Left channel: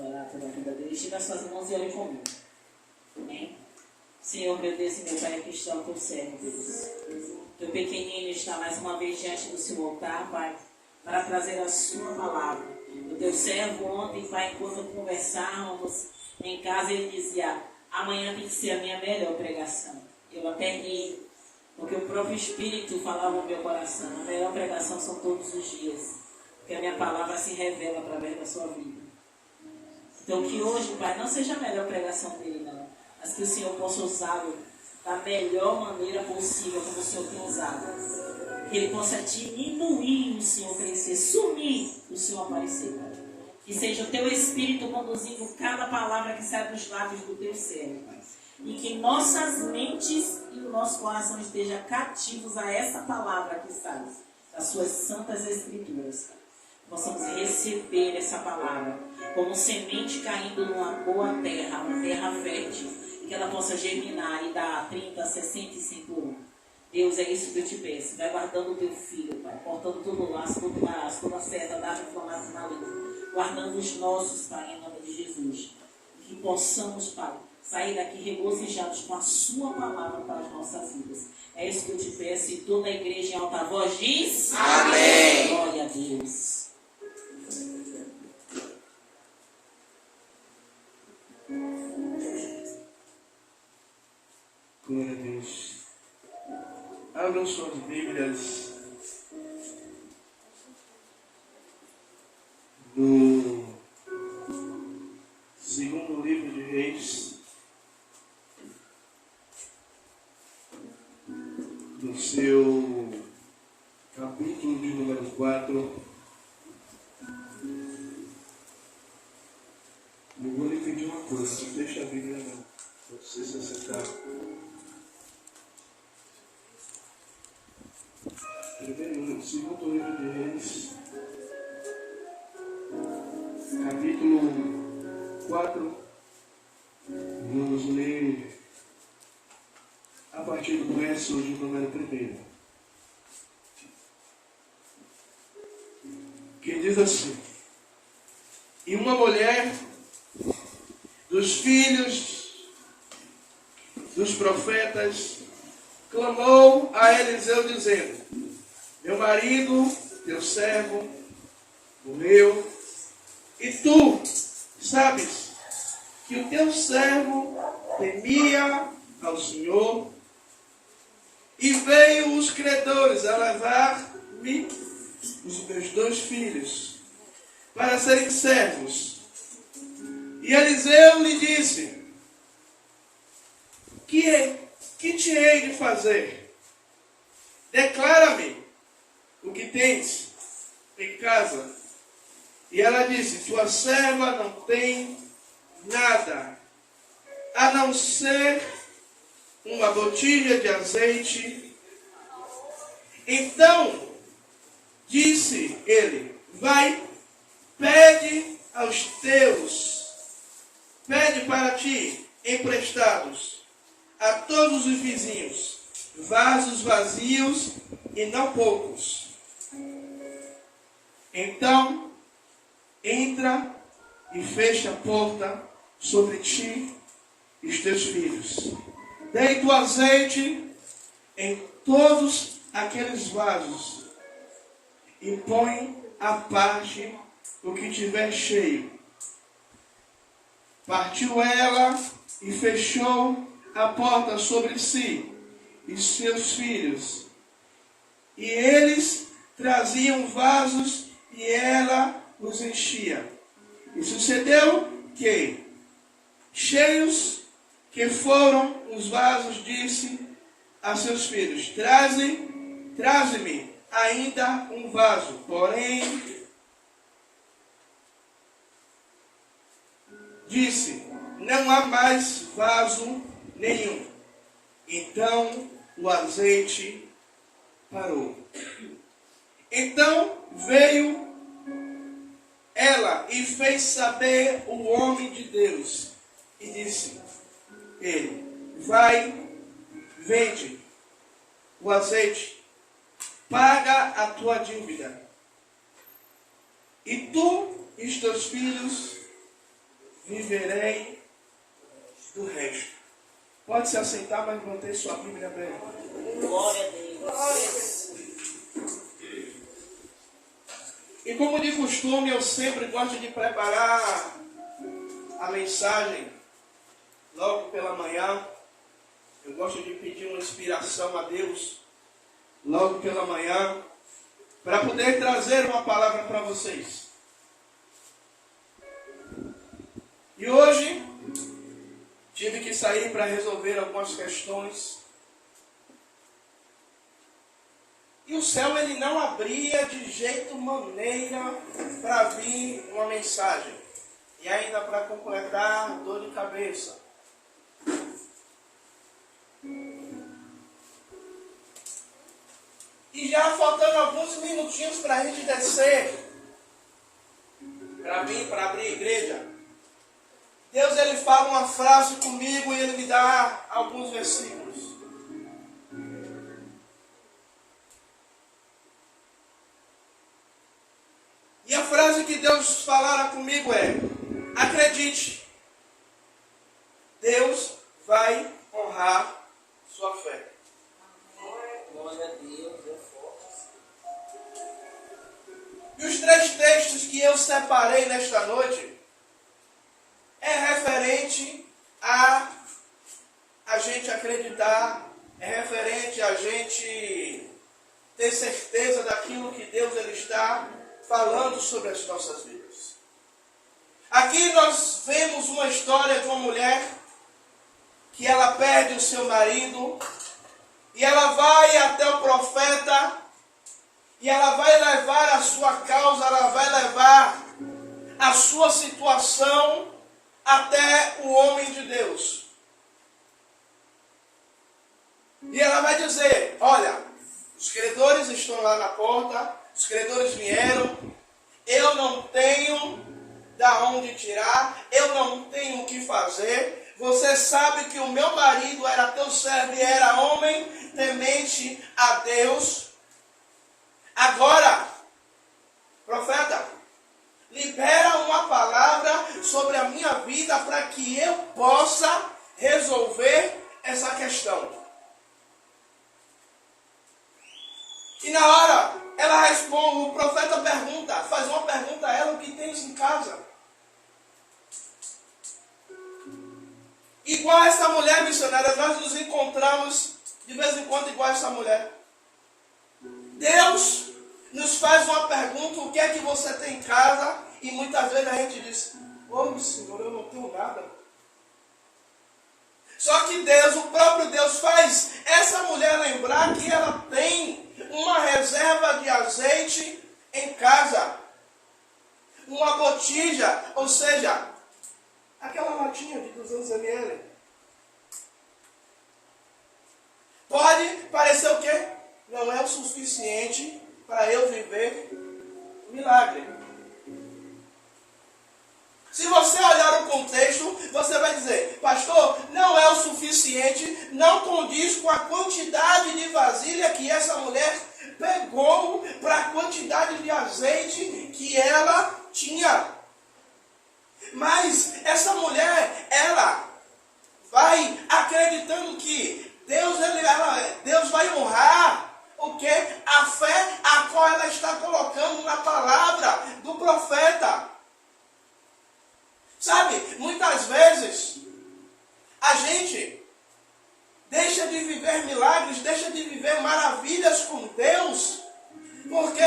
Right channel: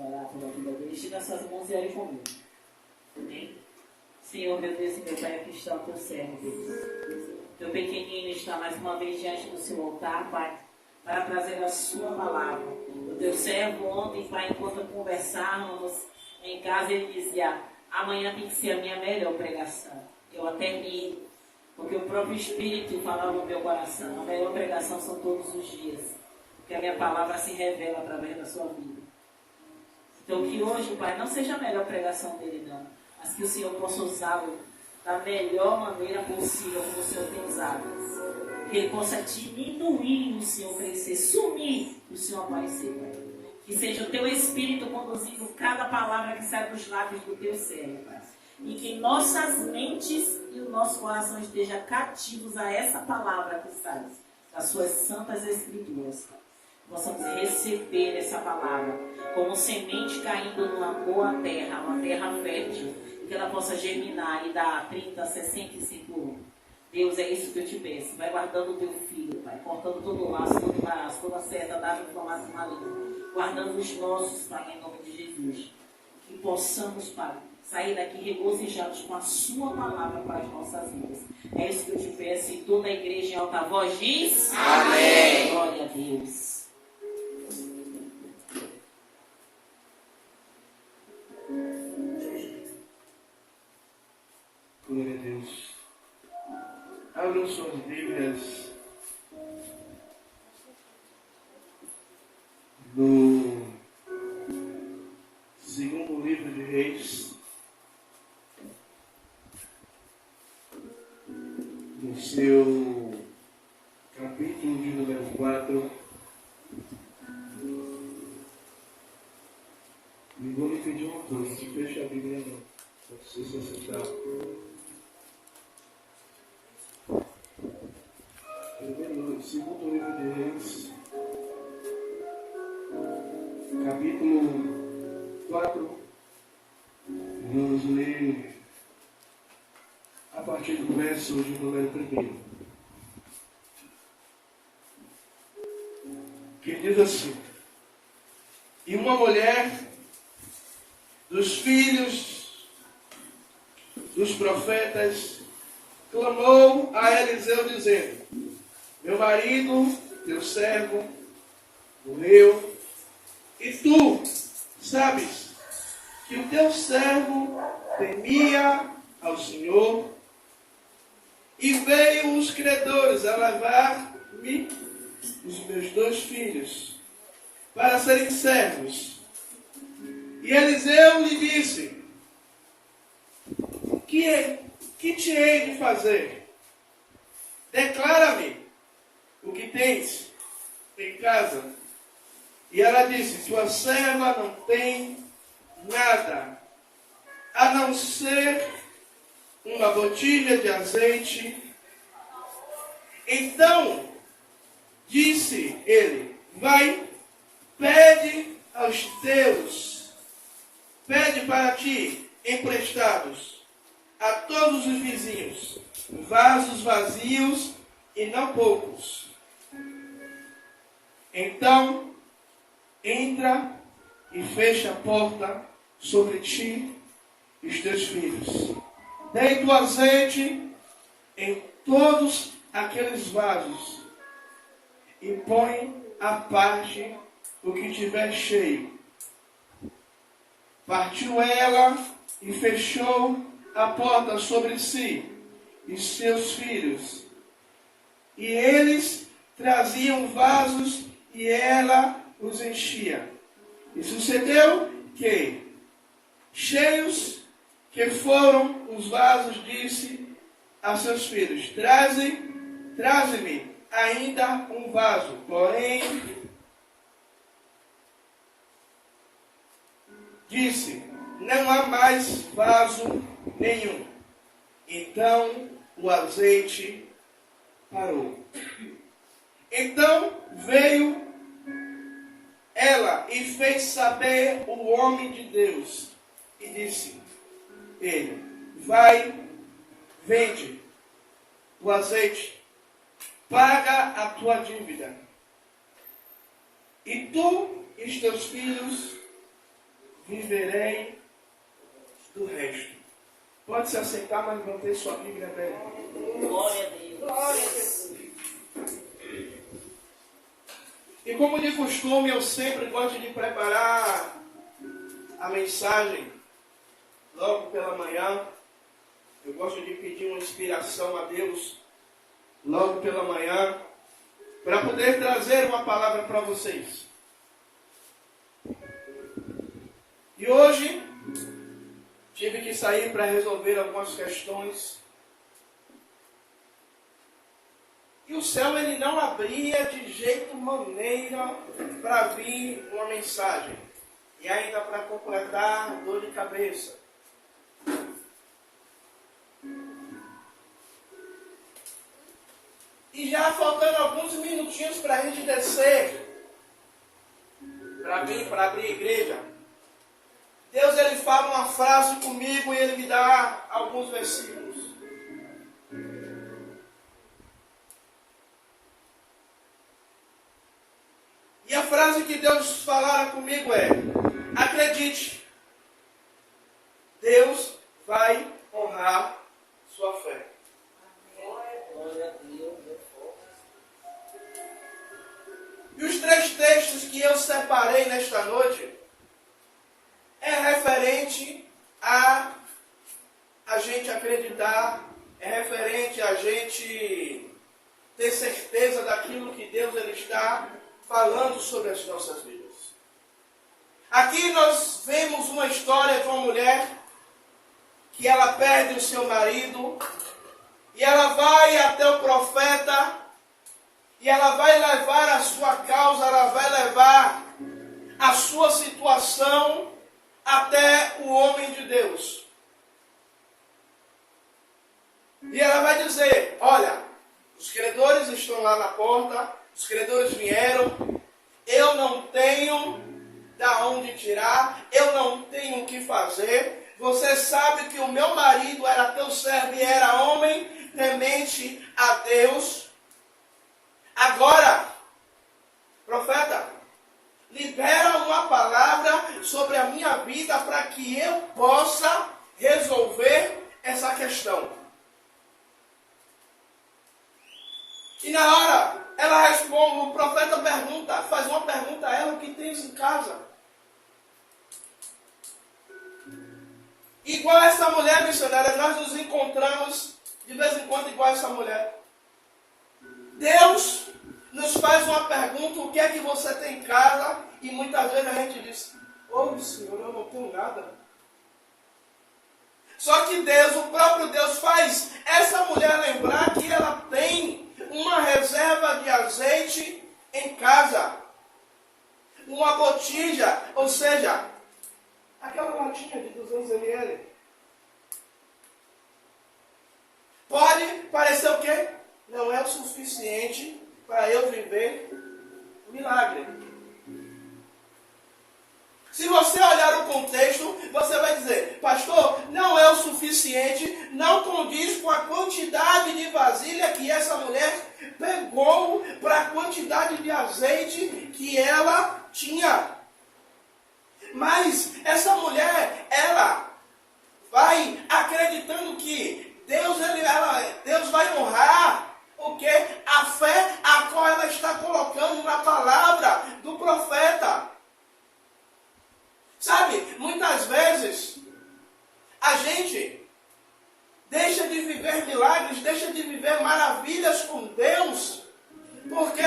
orar pela vida dele. Estenda as suas mãos e ore comigo. Amém? Senhor, meu Deus e meu Pai, aqui está o teu servo, Deus. Teu pequenino está mais uma vez diante do seu altar, Pai, para trazer a sua palavra. O teu servo ontem, Pai, enquanto conversávamos em casa, ele dizia: amanhã tem que ser a minha melhor pregação. Eu até ri, porque o próprio Espírito falava no meu coração: a melhor pregação são todos os dias, porque a minha palavra se revela através da sua vida. Então que hoje, Pai, não seja a melhor pregação dele, não, mas que o Senhor possa usá-lo da melhor maneira possível, como o Senhor tem usado. Que ele possa diminuir e o Senhor crescer, sumir e o Senhor aparecer, Pai. Que seja o teu Espírito conduzindo cada palavra que sai dos lábios do teu servo, Pai. E que nossas mentes e o nosso coração estejam cativos a essa palavra que sai das suas santas escrituras, Pai. Possamos receber essa palavra como semente caindo numa boa terra, uma terra fértil, e que ela possa germinar e dar 30, 65 anos. Deus, é isso que eu te peço. Vai guardando o teu filho, Pai, cortando todo o laço, toda a seta, dava inflamado maligno, guardando os nossos, Pai, em nome de Jesus. Que possamos, Pai, sair daqui regozijados com a sua palavra para as nossas vidas. É isso que eu te peço, e toda a igreja em alta voz diz: amém. Glória a Deus. Glória a Deus. Abram suas Bíblias no segundo livro de Reis, no seu capítulo de número 4. E vou lhe pedir uma coisa: não feche a Bíblia não. Você se assentar. Segundo livro de Reis, capítulo 4, vamos ler a partir do verso de número 1, que diz assim: e uma mulher dos filhos dos profetas clamou a Eliseu dizendo: meu marido, teu servo, morreu, e tu sabes que o teu servo temia ao Senhor, e veio os credores a levar-me os meus 2 filhos para serem servos. E Eliseu lhe disse: que te hei de fazer? Declara-me o que tens em casa. E ela disse: tua serva não tem nada, a não ser uma botija de azeite. Então disse ele: vai, pede para ti emprestados a todos os vizinhos vasos vazios, e não poucos. Então entra e fecha a porta sobre ti e os teus filhos. Deita o azeite em todos aqueles vasos e põe à parte o que tiver cheio. Partiu ela e fechou a porta sobre si e seus filhos. E eles traziam vasos e ela os enchia. E sucedeu que, cheios que foram os vasos, disse a seus filhos: traze-me ainda um vaso. Porém, disse: não há mais vaso nenhum. Então o azeite parou. Então veio ela e fez saber o homem de Deus. E disse ele: vai, vende o azeite, paga a tua dívida, e tu e os teus filhos viverei do resto. Pode se aceitar, mas manter sua Bíblia aberta. Glória a Deus. Glória a Deus. E como de costume, eu sempre gosto de preparar a mensagem logo pela manhã. Eu gosto de pedir uma inspiração a Deus logo pela manhã, para poder trazer uma palavra para vocês. E hoje tive que sair para resolver algumas questões. E o céu ele não abria de jeito maneira para vir uma mensagem. E ainda para completar, dor de cabeça. E já faltando alguns minutinhos para a gente descer, para vir, para abrir a igreja, Deus ele fala uma frase comigo e ele me dá alguns versículos. E a frase que Deus falara comigo é: acredite, Deus vai honrar sua fé. Glória a Deus. E os 3 textos que eu separei nesta noite é referente a gente acreditar, é referente a gente ter certeza daquilo que Deus ele está falando sobre as nossas vidas. Aqui nós vemos uma história de uma mulher que ela perde o seu marido e ela vai até o profeta e ela vai levar a sua causa, ela vai levar a sua situação até o homem de Deus. E ela vai dizer: olha, os credores estão lá na porta, os credores vieram, eu não tenho da onde tirar, eu não tenho o que fazer. Você sabe que o meu marido era teu servo e era homem temente a Deus. Agora, profeta, libera uma palavra sobre a minha vida para que eu possa resolver essa questão. E na hora, ela responde, o profeta pergunta, faz uma pergunta a ela: o que tens em casa? Igual a essa mulher missionária, nós nos encontramos de vez em quando igual a essa mulher. Deus nos faz uma pergunta: o que é que você tem em casa? E muitas vezes a gente diz: ô Senhor, eu não tenho nada. Só que Deus, o próprio Deus, faz essa mulher lembrar que ela tem uma reserva de azeite em casa. Uma botija, ou seja, aquela latinha de 200 ml. Pode parecer o quê? Não é o suficiente para eu viver o milagre. Se você olhar o contexto, você vai dizer: pastor, não é o suficiente, não condiz com a quantidade de vasilha que essa mulher pegou para a quantidade de azeite que ela tinha. Mas essa mulher, ela vai acreditando que Deus vai honrar o que? A fé a qual ela está colocando na palavra do profeta. Sabe, muitas vezes a gente deixa de viver milagres, deixa de viver maravilhas com Deus, porque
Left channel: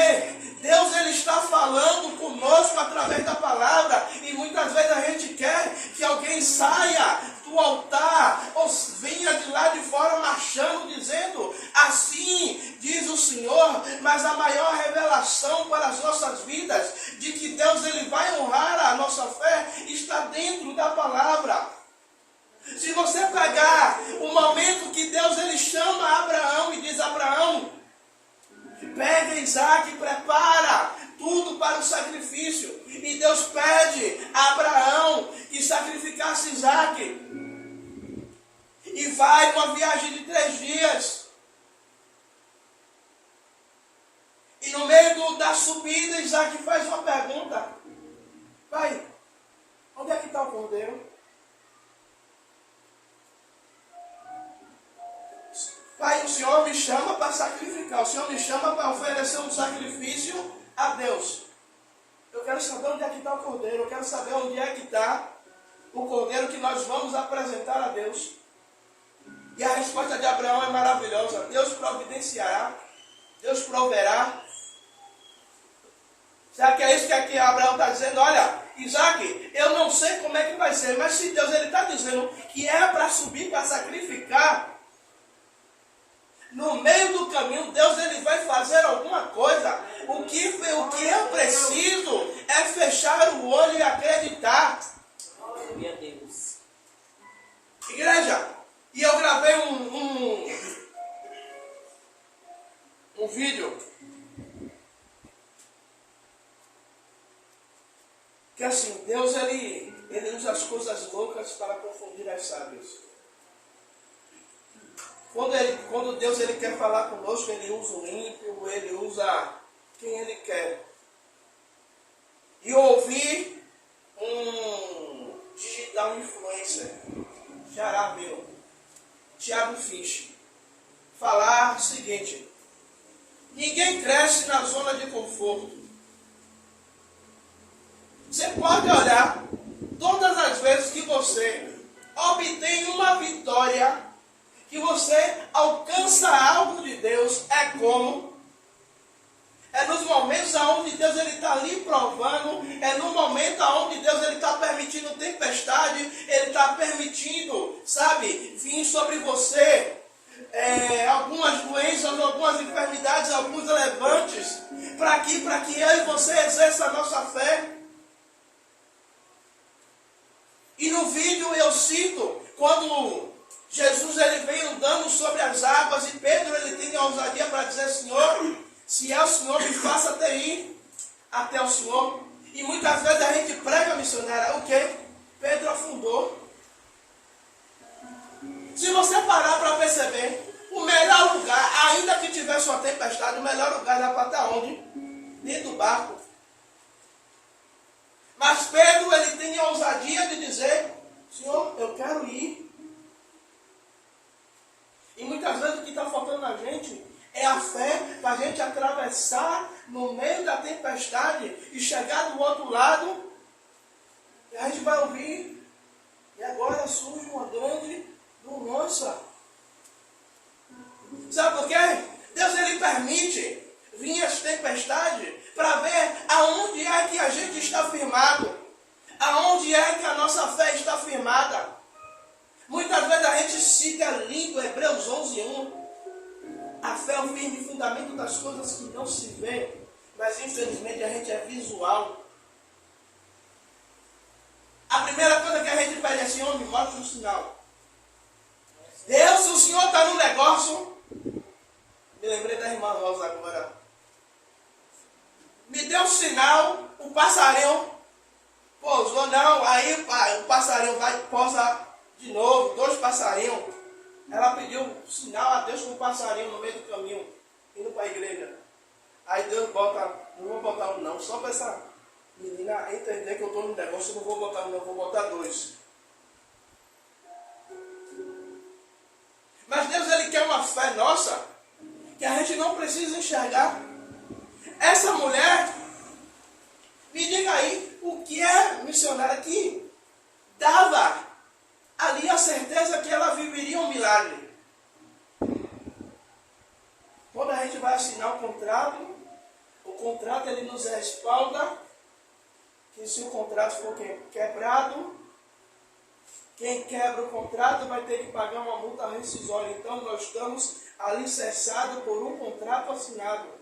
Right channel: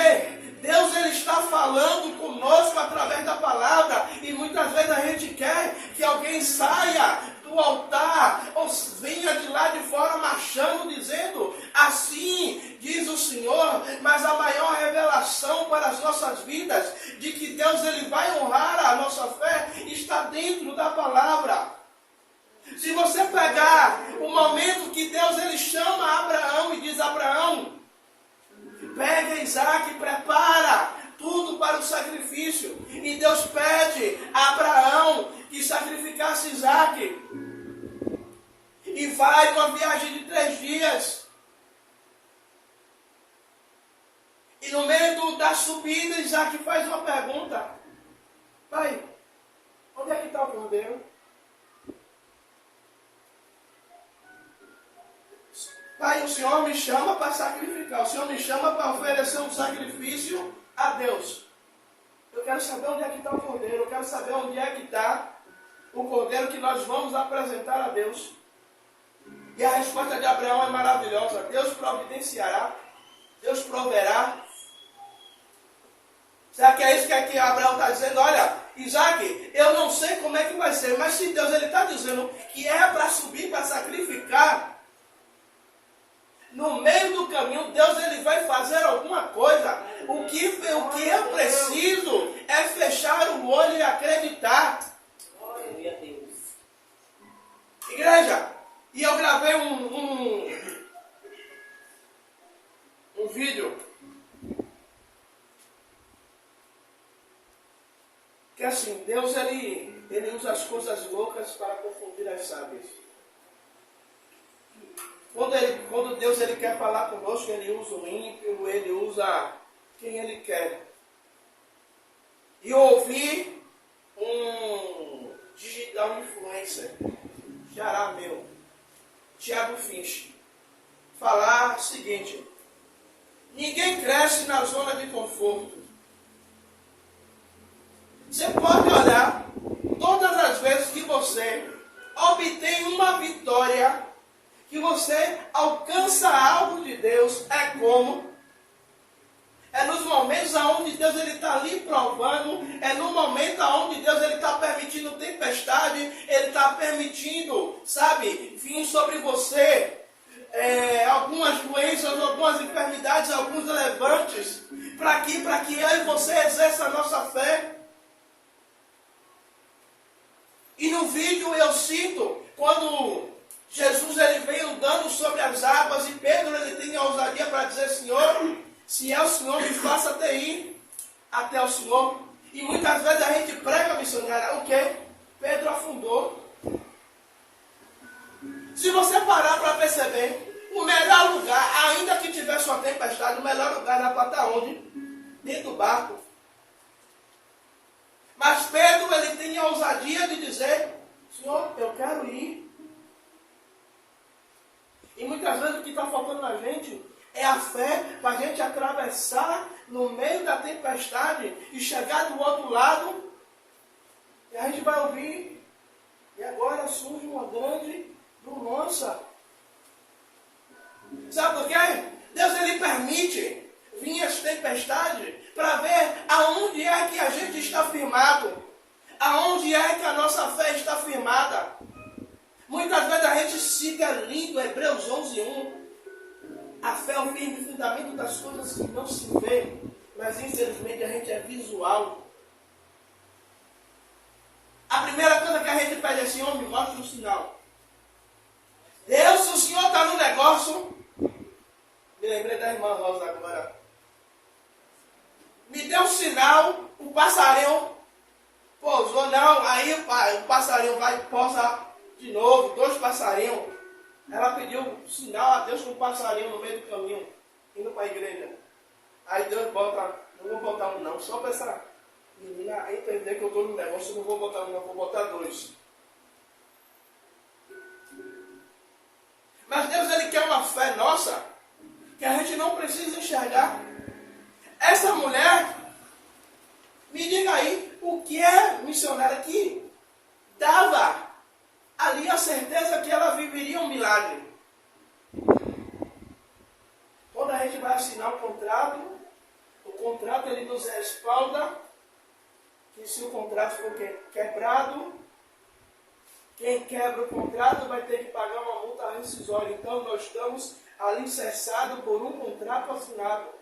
Deus ele está falando conosco através da palavra, e muitas vezes a gente quer que alguém saia do altar ou venha de lá de fora marchando dizendo: assim diz o Senhor. Mas a maior revelação para as nossas vidas de que Deus ele vai honrar a nossa fé está dentro da palavra. Se você pegar o momento que Deus ele chama Abraão e diz: Abraão, pega Isaac, prepara tudo para o sacrifício. E Deus pede a Abraão que sacrificasse Isaac. E vai uma viagem de 3 dias. E no meio da subida, Isaac faz uma pergunta: pai, onde é que está o cordeiro. Pai, o Senhor me chama para sacrificar. O Senhor me chama para oferecer um sacrifício a Deus. Eu quero saber onde é que está o cordeiro. Eu quero saber onde é que está o cordeiro que nós vamos apresentar a Deus. E a resposta de Abraão é maravilhosa. Deus providenciará. Deus proverá. Será que é isso que aqui Abraão está dizendo? Olha, Isaac, eu não sei como é que vai ser, mas se Deus está dizendo que é para subir, para sacrificar, no meio do caminho, Deus ele vai fazer alguma coisa. O que eu preciso é fechar o olho e acreditar. Glória a Deus. Igreja, e eu gravei um vídeo que assim, Deus ele usa as coisas loucas para confundir as sábias. Quando Deus ele quer falar conosco, ele usa o ímpio, ele usa quem ele quer. E eu ouvi um digital influencer, xará meu, Thiago Finch, falar o seguinte: ninguém cresce na zona de conforto. Você pode olhar todas as vezes que você obtém uma vitória, que você alcança algo de Deus, é nos momentos onde Deus está ali provando, é no momento onde Deus está permitindo tempestade, ele está permitindo, vir sobre você algumas doenças, algumas enfermidades, alguns levantes, para que eu e você exerça a nossa fé. E no vídeo eu cito, quando Jesus ele vem andando sobre as águas e Pedro ele tem a ousadia para dizer: Senhor, se é o Senhor, me faça até ir até o Senhor. E muitas vezes a gente prega, missionária, o quê? Pedro afundou. Se você parar para perceber, o melhor lugar, ainda que tivesse uma tempestade, o melhor lugar era para estar onde? Dentro do barco. Mas Pedro ele tem a ousadia de dizer: Senhor, eu quero ir. E muitas vezes o que está faltando na gente é a fé para a gente atravessar no meio da tempestade e chegar do outro lado. E a gente vai ouvir: e agora surge uma grande bonança. Sabe por quê? Deus ele permite vir as tempestades para ver aonde é que a gente está firmado. Aonde é que a nossa fé está firmada. Muitas vezes a gente cita lindo Hebreus 11:1. A fé é o firme fundamento das coisas que não se vê, mas infelizmente a gente é visual. A primeira coisa que a gente pede é: Senhor, me mostra um sinal. Deus, se o Senhor está no negócio, me lembrei da irmã Rosa agora. Me deu um sinal, o passarinho pousou, não, aí o passarinho vai pousar de novo, 2 passarinhos. Ela pediu um sinal a Deus com um passarinho no meio do caminho, indo para a igreja. Aí Deus bota, não vou botar um não, só para essa menina entender que eu estou no negócio, eu não vou botar um não, vou botar 2. Mas Deus ele quer uma fé nossa, que a gente não precisa enxergar. Essa mulher, me diga aí, o que é missionária que dava ali a certeza que ela viveria um milagre? Quando a gente vai assinar o contrato ele nos respalda que se o contrato for quebrado, quem quebra o contrato vai ter que pagar uma multa rescisória. Então nós estamos alicerçados por um contrato assinado.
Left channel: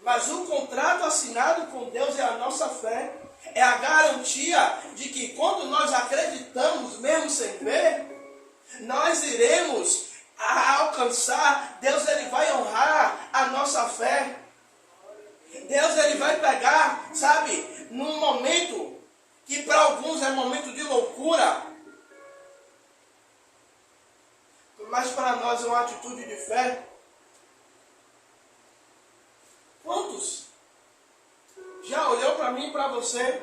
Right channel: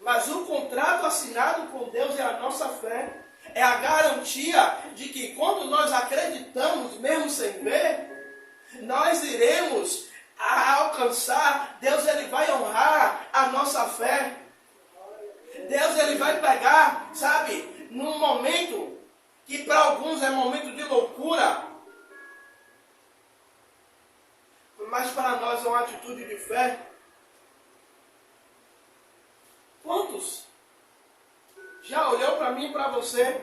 Mas o contrato assinado com Deus é a nossa fé. É a garantia de que quando nós acreditamos, mesmo sem ver, nós iremos alcançar. Deus ele vai honrar a nossa fé. Deus ele vai pegar, num momento que para alguns é momento de loucura, mas para nós é uma atitude de fé. Quantos já olhou para mim e para você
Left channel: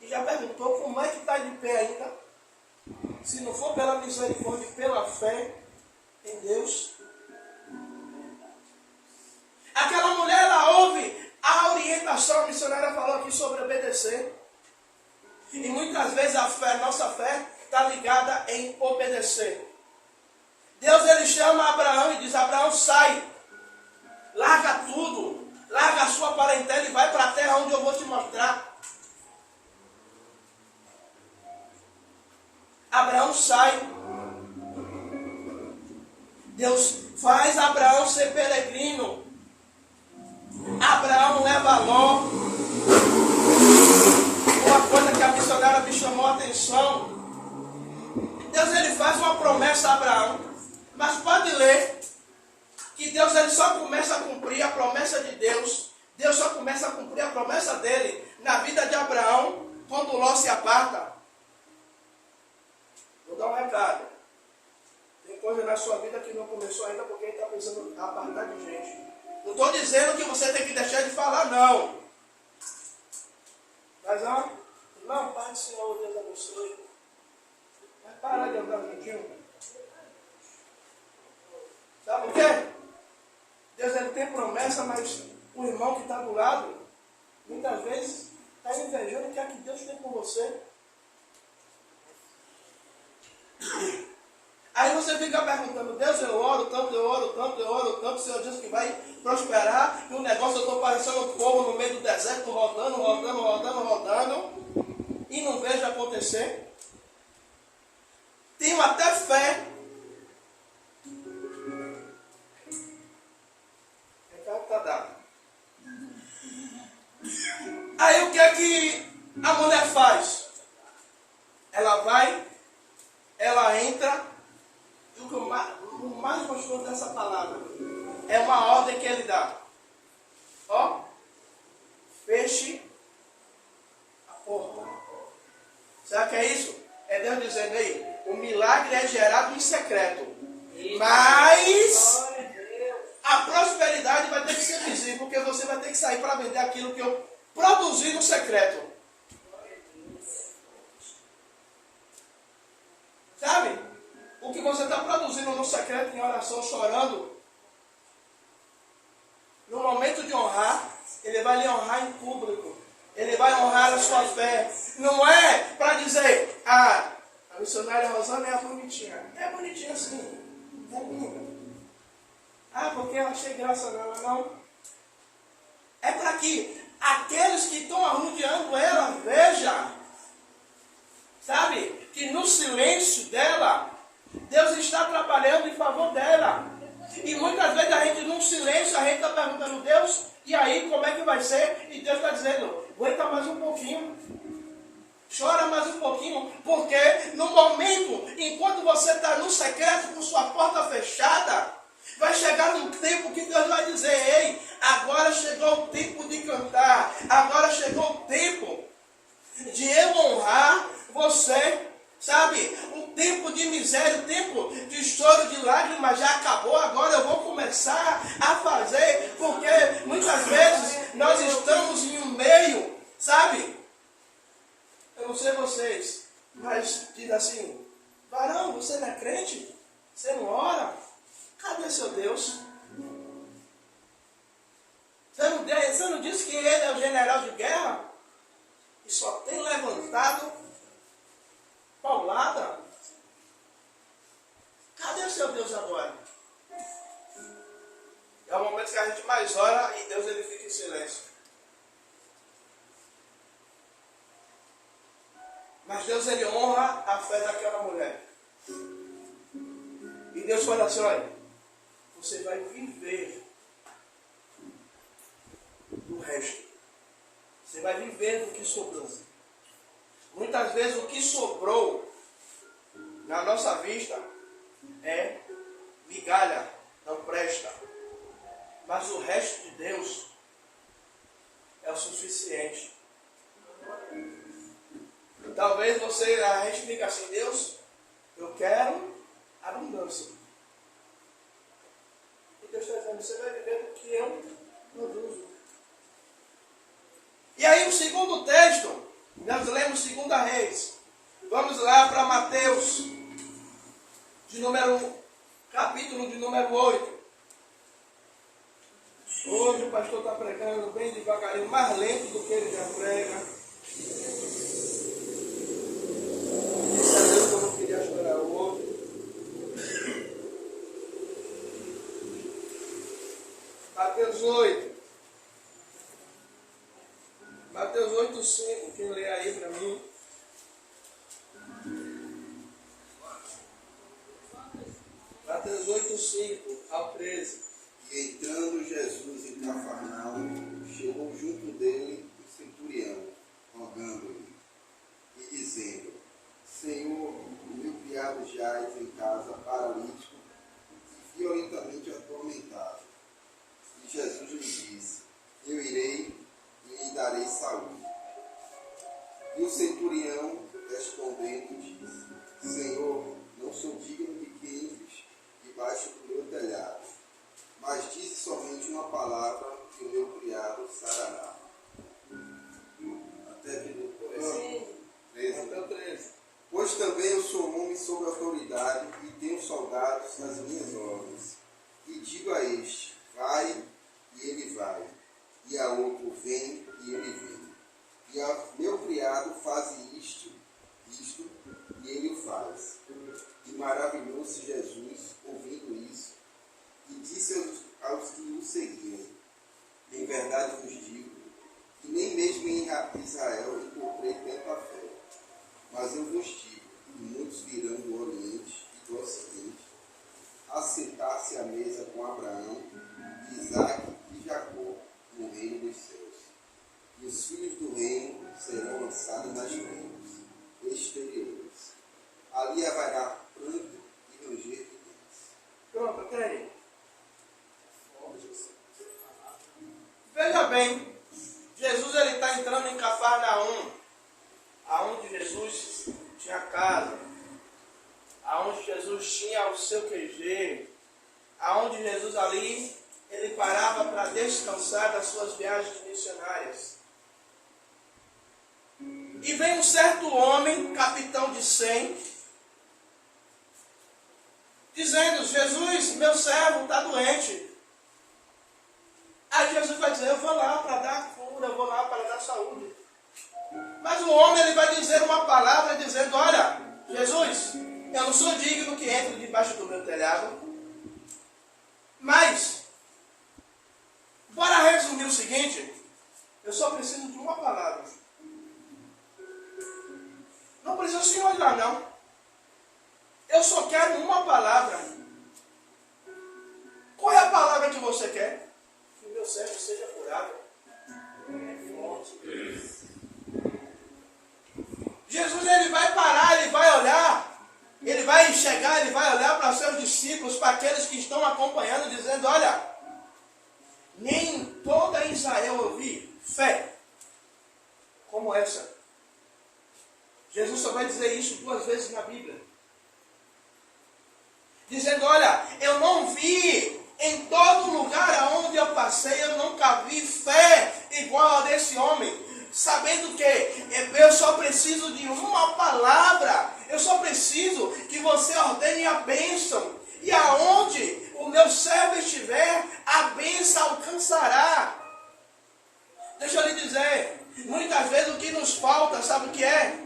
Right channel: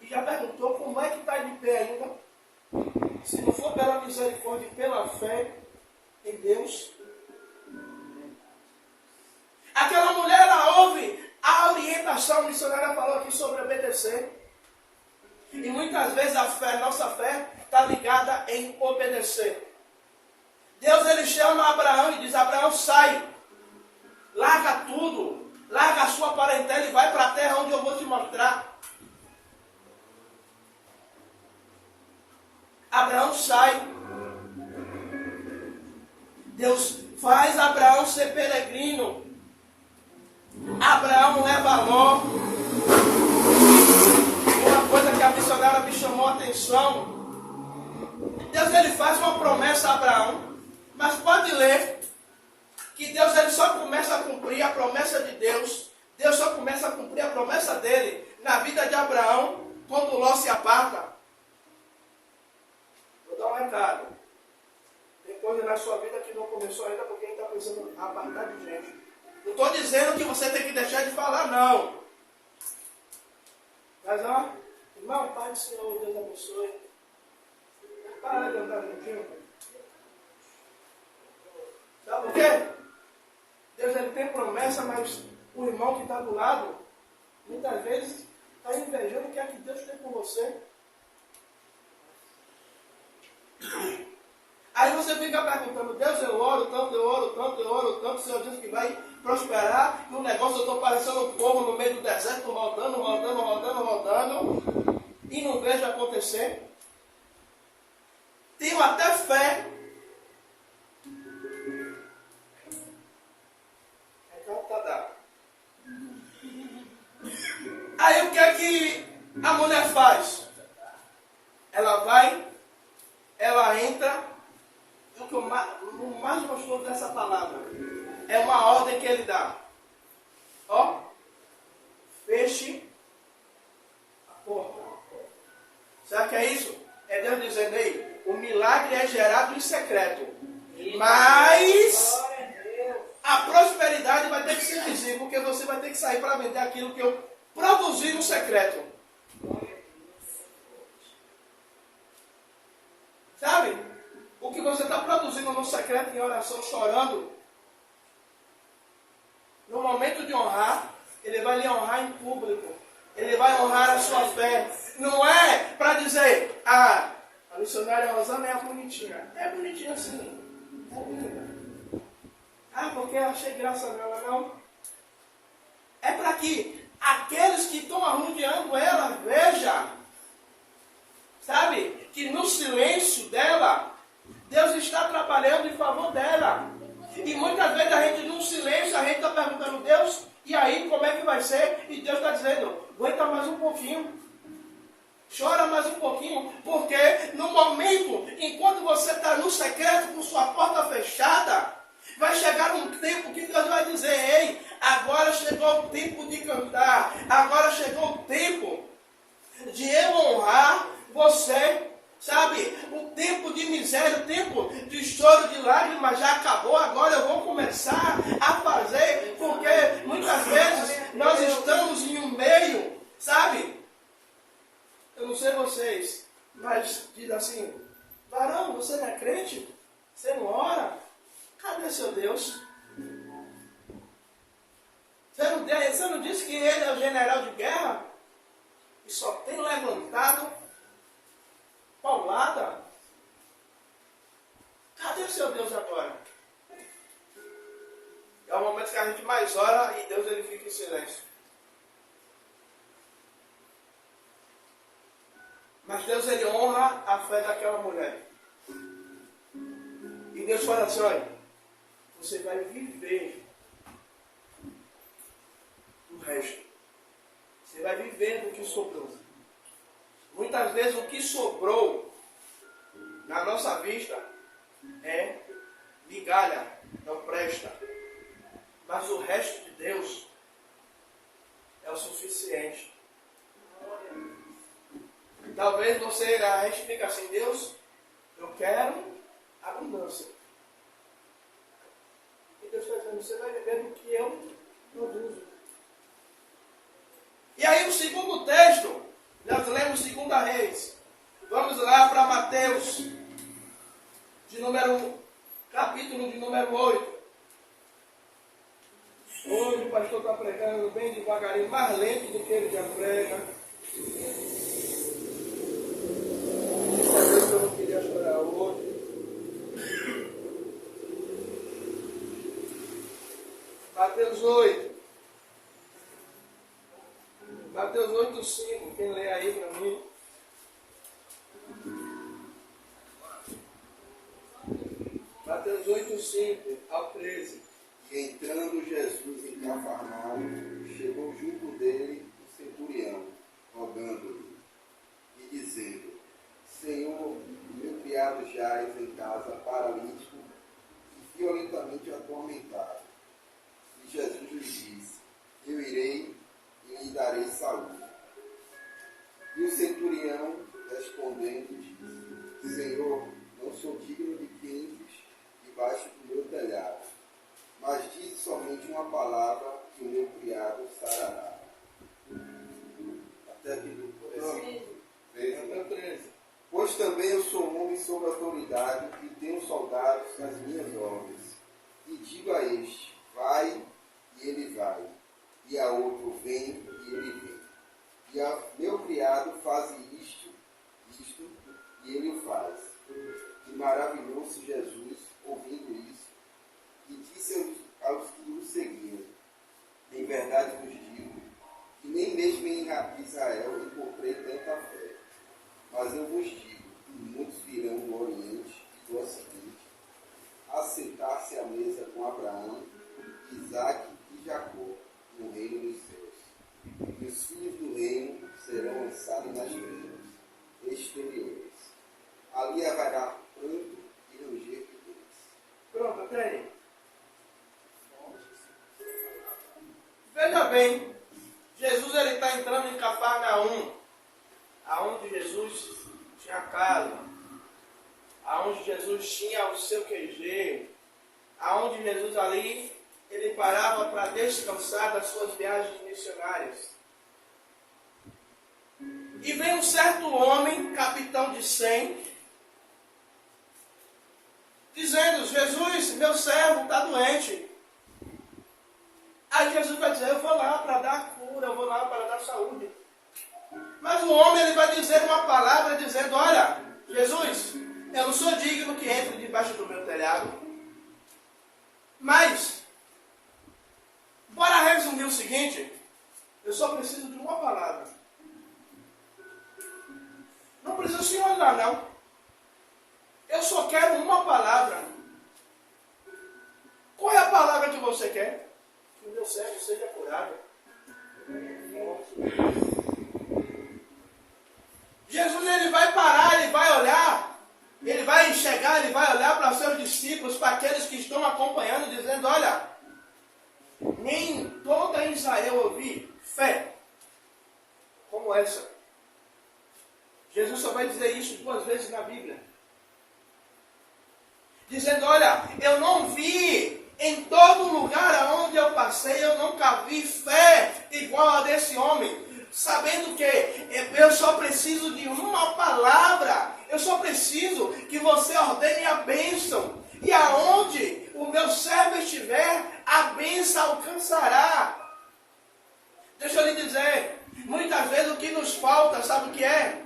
e já Já perguntou como é que está de pé ainda? Se não for pela misericórdia e pela fé em Deus. Aquela mulher, ela ouve a orientação, a missionária falou aqui sobre obedecer. E muitas vezes a fé, nossa fé, está ligada em obedecer. Deus, ele chama Abraão e diz: Abraão, sai, larga tudo, larga a sua parentela e vai para a terra onde eu vou te mostrar. Abraão sai. Deus faz Abraão ser peregrino. Abraão leva Ló. Uma coisa que a missionária me chamou a atenção. Deus, ele faz uma promessa a Abraão. Mas pode ler que Deus, ele só começa a cumprir a promessa de Deus. Deus só começa a cumprir a promessa dele na vida de Abraão quando Ló se aparta. Vou dar um recado. Tem coisa na sua vida que não começou ainda porque ele está pensando em apartar de gente. Não estou dizendo que você tem que deixar de falar, não. Mas, ó, irmão, Pai do Senhor, Deus abençoe. Para de andar juntinho. Sabe por quê? Deus, ele tem promessa, mas o irmão que está do lado, muitas vezes, está invejando o que é que Deus tem com você. Aí você fica perguntando: Deus, eu oro tanto, eu oro tanto, eu oro tanto, o Senhor diz que vai prosperar, e o negócio, eu estou parecendo um povo no meio do deserto, rodando, e não vejo acontecer. Tenho até fé. Está dado. Aí o que é que a mulher faz? Ela vai, ela entra, e o mais gostoso dessa palavra é uma ordem que ele dá. Ó, feche a porta. Sabe o que é isso? É Deus dizendo aí: o milagre é gerado em secreto, mas a prosperidade vai ter que ser visível, porque você vai ter que sair para vender aquilo que eu produzi no secreto. Sabe? O que você está produzindo no secreto, em oração, chorando, no momento de honrar, ele vai lhe honrar em público. Ele vai honrar a sua fé. Não é para dizer: ah, a missionária Rosana é bonitinha. É bonitinha sim. É bonita. Ah, porque eu achei graça nela. Não. É para que aqueles que estão arrodeando ela vejam, sabe, que no silêncio dela, Deus está trabalhando em favor dela. E muitas vezes a gente, num silêncio, a gente está perguntando: Deus, e aí, como é que vai ser? E Deus está dizendo: aguenta mais um pouquinho. Chora mais um pouquinho, porque no momento, enquanto você está no secreto, com sua porta fechada, vai chegar um tempo que Deus vai dizer: ei, agora chegou o tempo de cantar, agora chegou o tempo de eu honrar você. Sabe, o tempo de miséria, o tempo de choro, de lágrimas já acabou. Agora eu vou começar a fazer, porque muitas vezes nós estamos em um meio, sabe? Eu não sei vocês, mas diz assim: varão, você não é crente? Você não ora? Cadê seu Deus? Você não disse que ele é o general de guerra? E só tem levantado paulada? Cadê o seu Deus agora? É o momento que a gente mais ora e Deus, ele fica em silêncio. Mas Deus, ele honra a fé daquela mulher. E Deus fala assim: olha, você vai viver do resto. Você vai viver do que sobrou. Muitas vezes o que sobrou na nossa vista é migalha, não presta. Mas o resto de Deus é o suficiente. Talvez a gente fique assim: Deus, eu quero abundância. E Deus está dizendo: você vai viver do que eu produzo. E aí o segundo texto, Nós lemos 2 Reis. Vamos lá para Mateus, capítulo de número 8. Hoje o pastor está pregando bem devagarinho, mais lento do que ele já prega. Disse a Deus que eu não queria chorar hoje. Mateus 8. Mateus 8, 5. Quem lê aí para mim? Mateus 8, 5 ao 13. E entrando Jesus em Cafarnaum, chegou junto dele o centurião, rogando-lhe e dizendo: Senhor, meu criado jaz em casa, paralítico e violentamente atormentado. E Jesus lhe disse: Eu irei e lhe darei saúde. E o centurião, respondendo, disse: Senhor, não sou digno de que entres debaixo do meu telhado, mas disse somente uma palavra que o meu criado sarará. Até aqui do versículo 13. Pois também eu sou um homem sob autoridade e tenho soldados nas minhas ordens. E digo a este: vai, e ele vai. E a outro: vem, e ele vem. E a meu criado faz isto, e ele o faz. E maravilhou-se Jesus ouvindo isso, e disse aos que o seguiam: Em verdade vos digo, que nem mesmo em Israel encontrei tanta fé. Mas eu vos digo que muitos virão do Oriente e do Ocidente a sentar-se à mesa com Abraão, Isaque e Jacó no reino dos céus. E os filhos do reino serão lançados nas trevas exteriores. Ali haverá pranto e ranger de dentes. Pronto, até aí. Veja bem, Jesus está entrando em Cafarnaum, aonde Jesus tinha casa, aonde Jesus tinha o seu QG, aonde Jesus ali, ele parava para descansar das suas viagens missionárias. E vem um certo homem, capitão de 100, dizendo: Jesus, meu servo está doente. Aí Jesus vai dizer: eu vou lá para dar cura, eu vou lá para dar saúde. Mas o homem, ele vai dizer uma palavra dizendo: olha, Jesus, eu não sou digno que entre debaixo do meu telhado. Mas, bora resumir o seguinte: eu só preciso de uma palavra. Não precisa se olhar, não. Eu só quero uma palavra. Qual é a palavra que você quer? Que o meu servo seja curado. Jesus, ele vai parar, ele vai olhar, ele vai enxergar, ele vai olhar para os seus discípulos, para aqueles que estão acompanhando, dizendo: olha, nem em toda Israel eu vi fé como essa. Jesus só vai dizer isso 2 vezes na Bíblia. Dizendo: olha, eu não vi em todo lugar aonde eu passei, eu nunca vi fé igual a desse homem. Sabendo que eu só preciso de uma palavra, eu só preciso que você ordene a bênção. E aonde o meu servo estiver, a bênção alcançará. Deixa eu lhe dizer, muitas vezes o que nos falta, sabe o que é?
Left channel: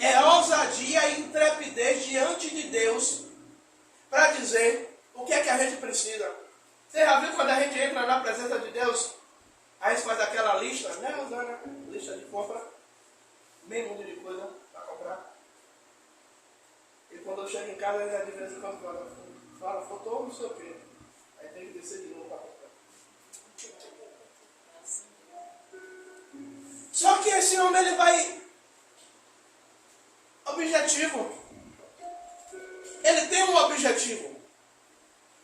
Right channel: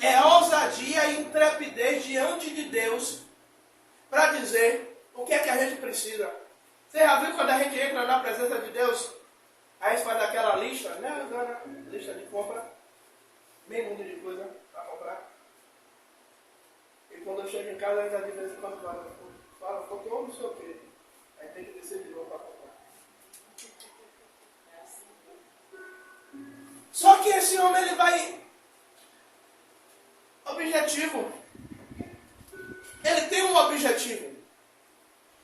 É ousadia e intrepidez diante de Deus para dizer o que é que a gente precisa. Você já viu quando a gente entra na presença de Deus? Aí você faz aquela lista, né, Zana? Lista de compra. Bem mundo de coisa para comprar. E quando eu chego em casa, ainda de vez em quando fala, faltou não sei o quê. Aí tem que descer de novo para comprar. Só que esse homem, ele vai objetivo. Ele tem um objetivo.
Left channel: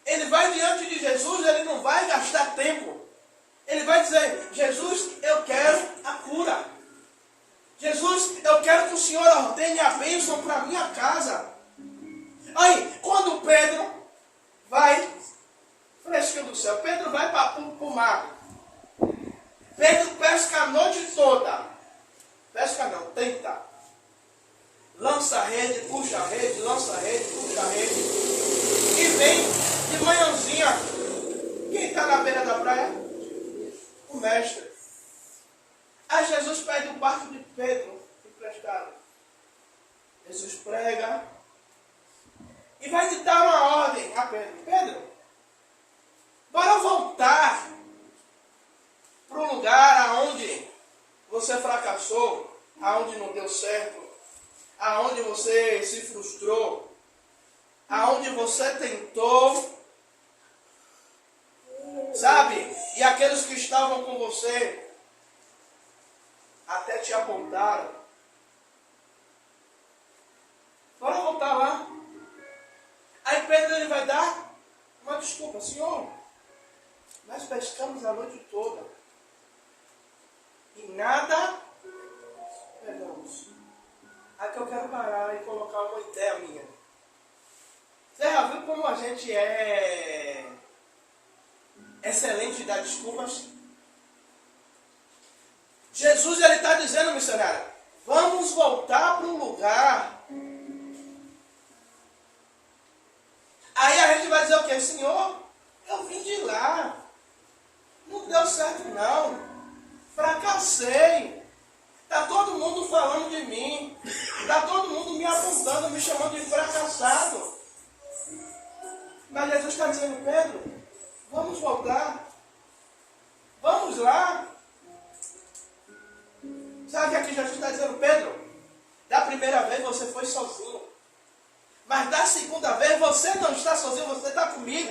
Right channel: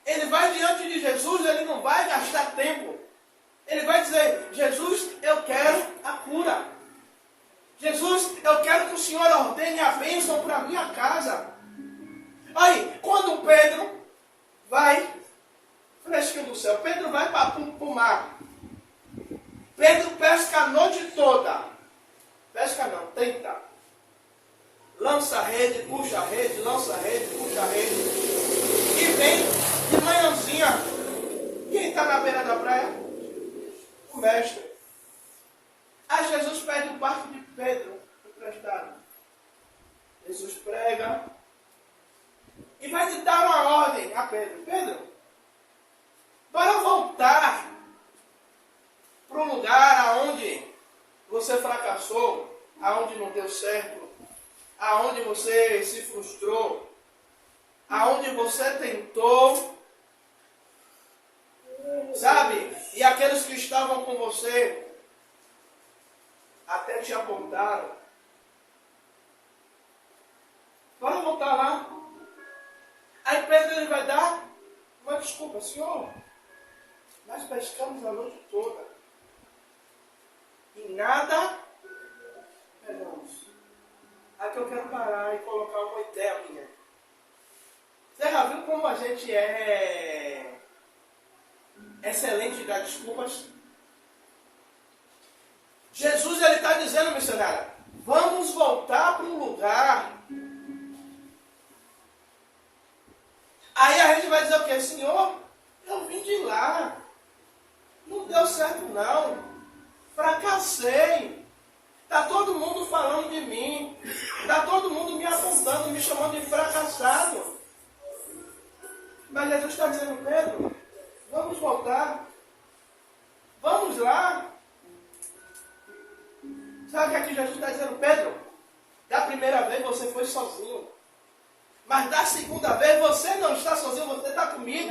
Ele vai diante de Jesus, ele não vai gastar tempo. Ele vai dizer: Jesus, eu quero a cura. Jesus, eu quero que o Senhor ordene a bênção para a minha casa. Aí, quando Pedro vai, fresquinho do céu, Pedro vai para o mar. Pedro pesca a noite toda. Pesca não, tenta. Lança a rede, puxa a rede, lança a rede, puxa a rede. E vem de manhãzinha. Quem está na beira da praia? O mestre. Aí Jesus pede o barco de Pedro emprestado. Jesus prega e vai lhe dar uma ordem a Pedro. Pedro, bora voltar para o lugar aonde você fracassou, aonde não deu certo, aonde você se frustrou, aonde você tentou, sabe? E aqueles que estavam com você até te apontaram. Bora voltar lá. Aí Pedro ele vai dar uma desculpa. Senhor, nós pescamos a noite toda e nada pegamos. Aí que eu quero parar e colocar uma ideia minha. Você já viu como a gente é excelente de dar desculpas? Jesus ele está dizendo, missionária, vamos voltar para um lugar. Aí a gente vai dizer o quê? Senhor, eu vim de lá. Não deu certo não. Fracassei. Está todo mundo falando de mim. Está todo mundo me apontando, me chamando de fracassado. Mas Jesus está dizendo, Pedro, vamos voltar. Vamos lá. Sabe o que aqui Jesus está dizendo? Pedro, da primeira vez você foi sozinho. Mas da segunda vez você não está sozinho, você está comigo.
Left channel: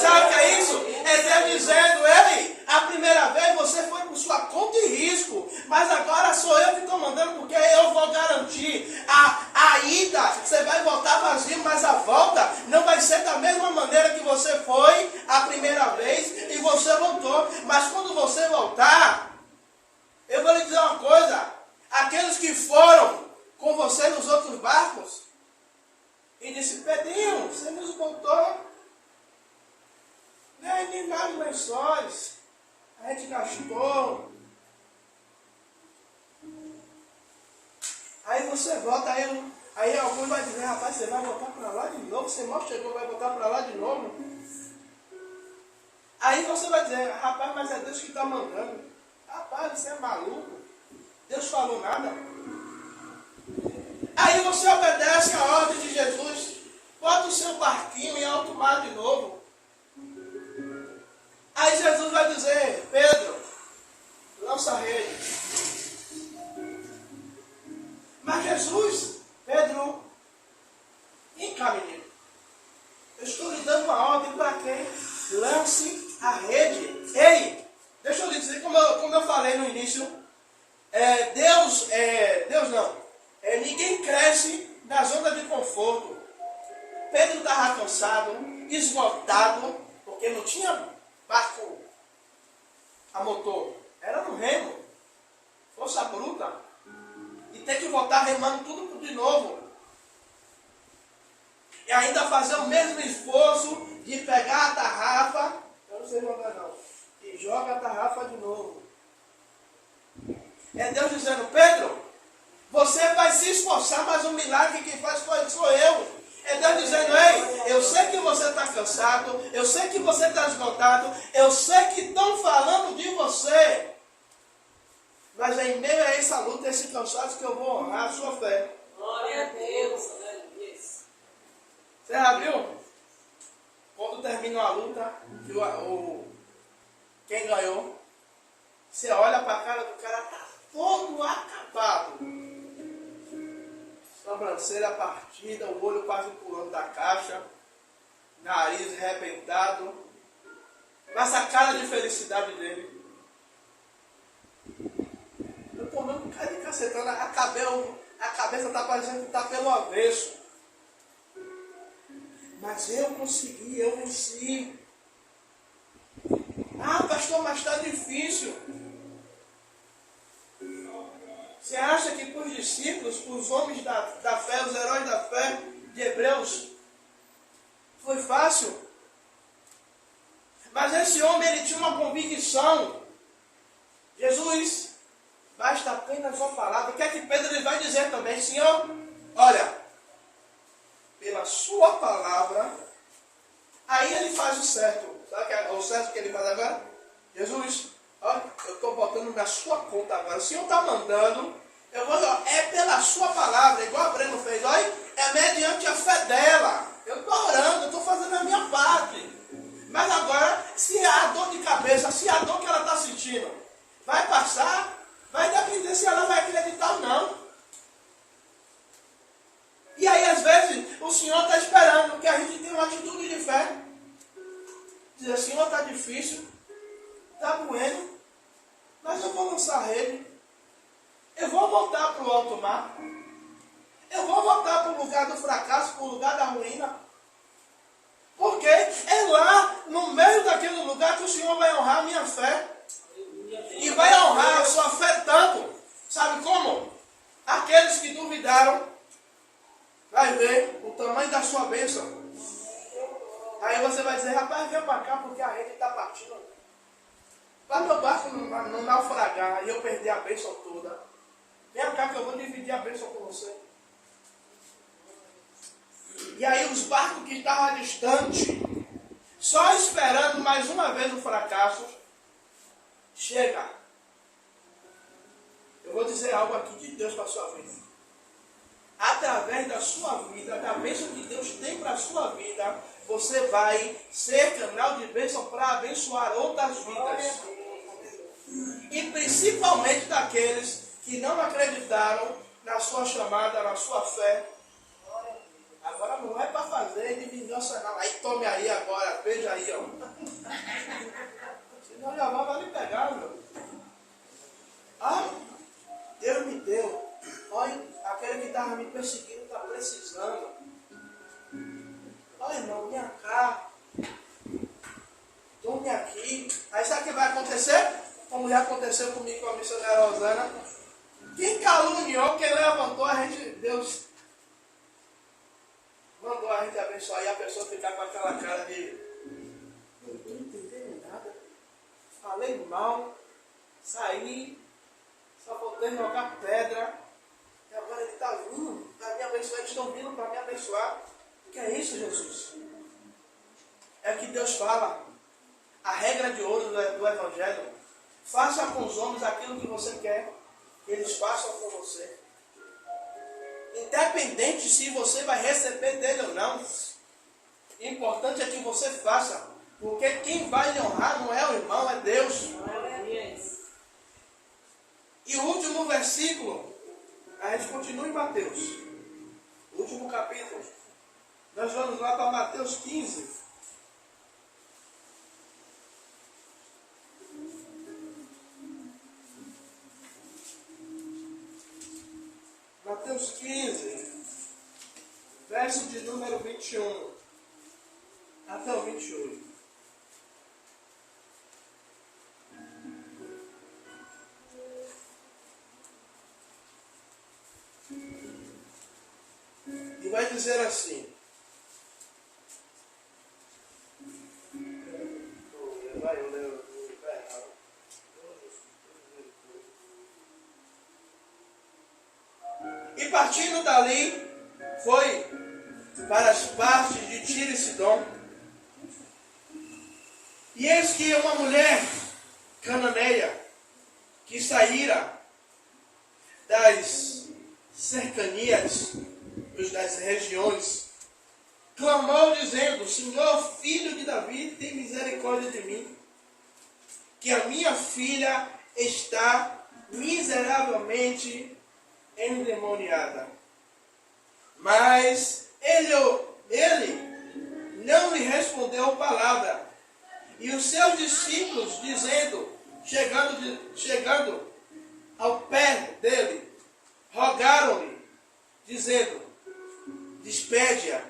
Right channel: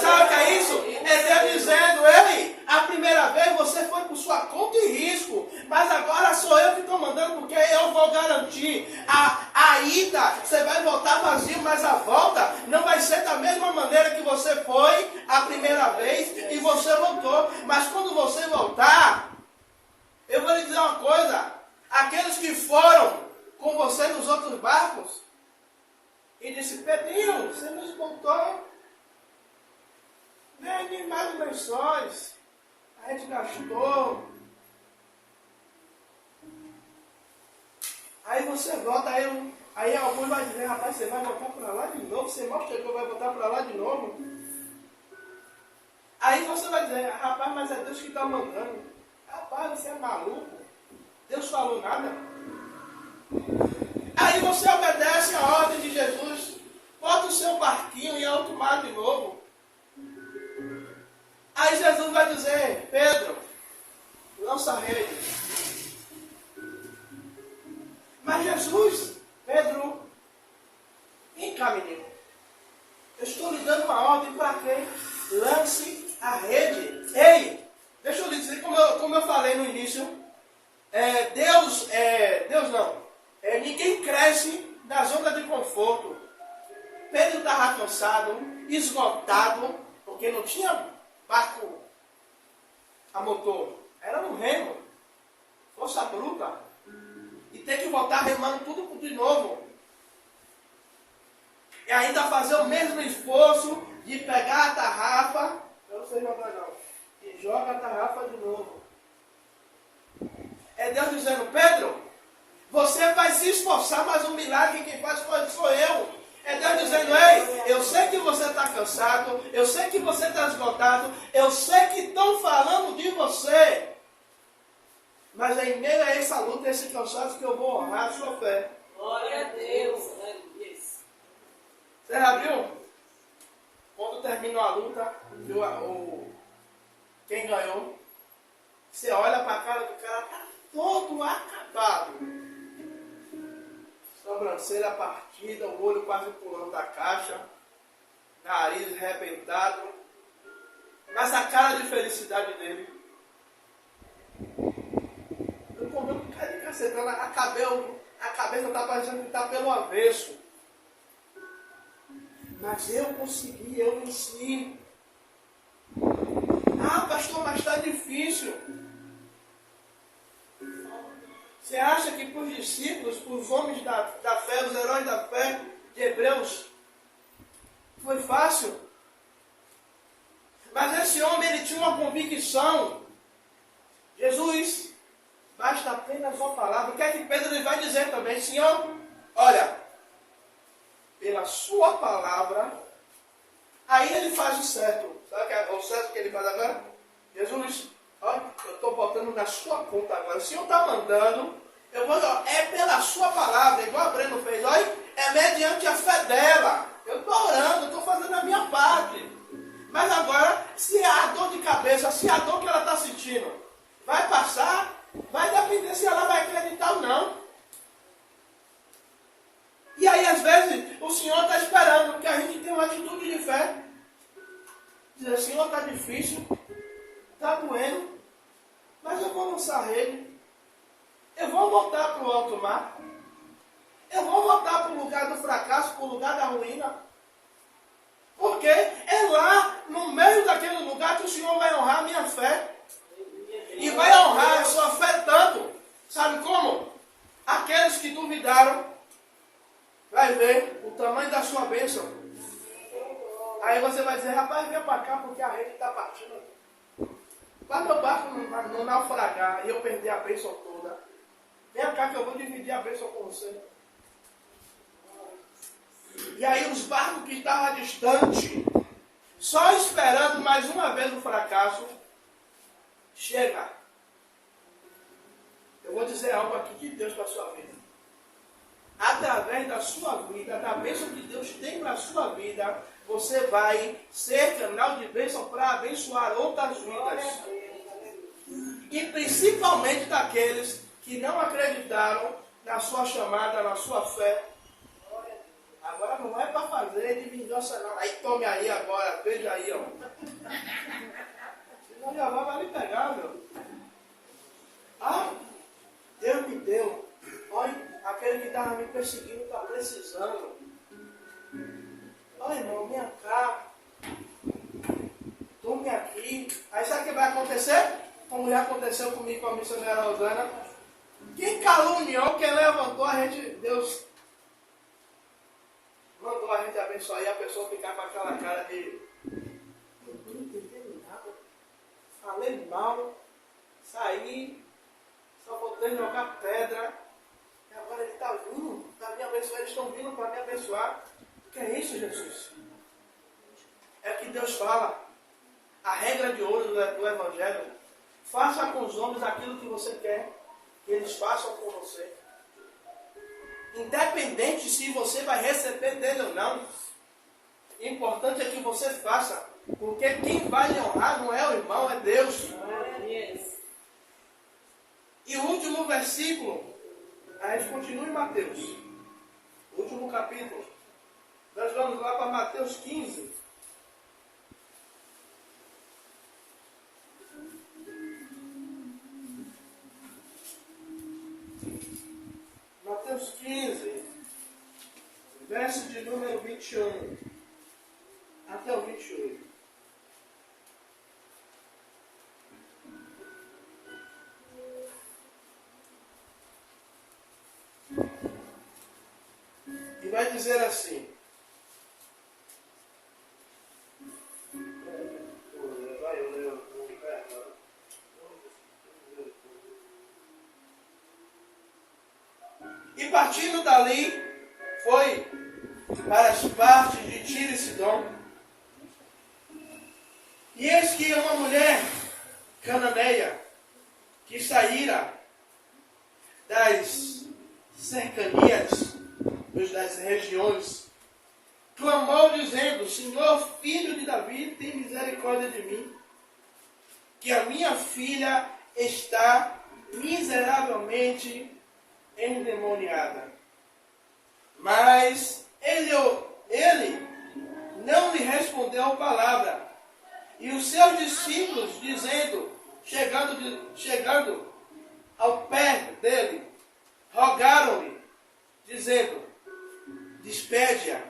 Sabe o que é isso? É Deus dizendo, ei, a primeira vez você foi por sua conta e risco. Mas agora sou eu que estou mandando, porque eu vou garantir. A ida, você vai voltar vazio, mas a volta não vai ser da mesma maneira que você foi a primeira vez e você voltou. Mas quando você voltar, eu vou lhe dizer uma coisa. Aqueles que foram com você nos outros barcos, e disse, Pedrinho, você nos botou nem mais lençóis. A gente gastou. Aí você volta, aí alguns vai dizer, rapaz, você vai voltar para lá de novo, você mal chegou, vai voltar para lá de novo. Aí você vai dizer, rapaz, mas é Deus que está mandando. Rapaz, você é maluco. Deus falou nada. Aí você obedece a ordem de Jesus, bota o seu barquinho em alto mar de novo. Aí Jesus vai dizer, Pedro, lança a rede. Mas Jesus, Pedro, vem cá, menino. Eu estou lhe dando uma ordem para quem? Lance a rede. Ei, deixa eu lhe dizer, como eu falei no início, ninguém cresce na zona de conforto. Pedro estava cansado, esgotado, porque não tinha barco a motor. Era no remo, força bruta. E tem que voltar remando tudo de novo. E ainda fazer o mesmo esforço de pegar a tarrafa, eu não sei jogar não, e joga a tarrafa de novo. É Deus dizendo, Pedro, você vai se esforçar, mas o milagre quem faz sou eu. É Deus dizendo, ei, eu sei que você está cansado, eu sei que você está esgotado, eu sei que estão falando de você. Mas é em meio a essa luta, esse cansaço, que eu vou honrar a sua fé. Glória a Deus. Você já viu? Quando termina a luta, quem ganhou, você olha para a cara do cara, está todo acabado. Sobrancelha partida, o olho quase pulando da caixa, nariz arrebentado, mas a cara de felicidade dele. Eu tomei um cara de cacetana, a cabeça está parecendo que está pelo avesso. Mas eu consegui, eu venci. Ah, pastor, mas está difícil. Você acha que para os discípulos, para os homens da fé, os heróis da fé de Hebreus, foi fácil? Mas esse homem, ele tinha uma convicção. Jesus basta apenas uma palavra. O que é que Pedro ele vai dizer também? Senhor, olha, pela sua palavra, aí ele faz o certo. Sabe que é o certo que ele faz agora? Jesus, olha, eu estou botando na sua conta agora. O Senhor está mandando, eu vou, é pela sua palavra, igual a Breno fez, olha, é mediante a fé dela. Eu estou orando, eu estou fazendo a minha parte. Mas agora, se a dor de cabeça, se a dor que ela está sentindo vai passar, vai depender se ela vai acreditar ou não. E aí, às vezes, o Senhor está esperando que a gente tenha uma atitude de fé. Dizer, Senhor, está difícil, está doendo, mas eu vou lançar a rede. Eu vou voltar para o alto mar. Eu vou voltar para o lugar do fracasso, para o lugar da ruína. Porque é lá, no meio daquele lugar, que o Senhor vai honrar a minha fé. E vai honrar a sua fé tanto. Sabe como? Aqueles que duvidaram, vai ver o tamanho da sua bênção. Aí você vai dizer, rapaz, vem para cá porque a rede está partindo. Para meu barco não naufragar e eu perder a bênção toda. Vem cá que eu vou dividir a bênção com você. E aí os barcos que estavam distantes, só esperando mais uma vez o fracasso, chega. Eu vou dizer algo aqui de Deus para a sua vida. Através da sua vida, da bênção que Deus tem para a sua vida, você vai ser canal de bênção para abençoar outras vidas. E principalmente daqueles que não acreditaram na sua chamada, na sua fé. Agora não é para fazer de vingança não. Aí tome aí agora, veja aí, ó. Senão já vai me pegar, meu. Ah, Deus me deu. Olha, aquele que estava me perseguindo está precisando. Olha, irmão, minha cá. Tome aqui. Aí sabe o que vai acontecer? Como já aconteceu comigo com a missionária Rosana. Quem caluniou, quem levantou, a gente, Deus mandou a gente abençoar e a pessoa ficar com aquela cara de não estou entendendo nada. Falei mal, saí, só voltei jogar pedra. E agora ele está vindo para me abençoar, eles estão vindo para me abençoar. O que é isso, Jesus? É que Deus fala. A regra de ouro do Evangelho. Faça com os homens aquilo que você quer que eles façam com você. Independente se você vai receber dele ou não. O importante é que você faça. Porque quem vai lhe honrar não é o irmão, é Deus. E o último versículo, a gente continua em Mateus. Último capítulo. Nós vamos lá para Mateus 15. Mateus 15, verso de número 21 até o 28. E vai dizer assim. E partindo dali, foi para as partes de Tiro e Sidom. E eis que uma mulher cananeia, que saíra das cercanias, das regiões, clamou dizendo, Senhor, filho de Davi, tem misericórdia de mim, que a minha filha está miseravelmente endemoniada. Mas ele não lhe respondeu palavra. E os seus discípulos, chegando ao pé dele, rogaram-lhe, dizendo, despede-a,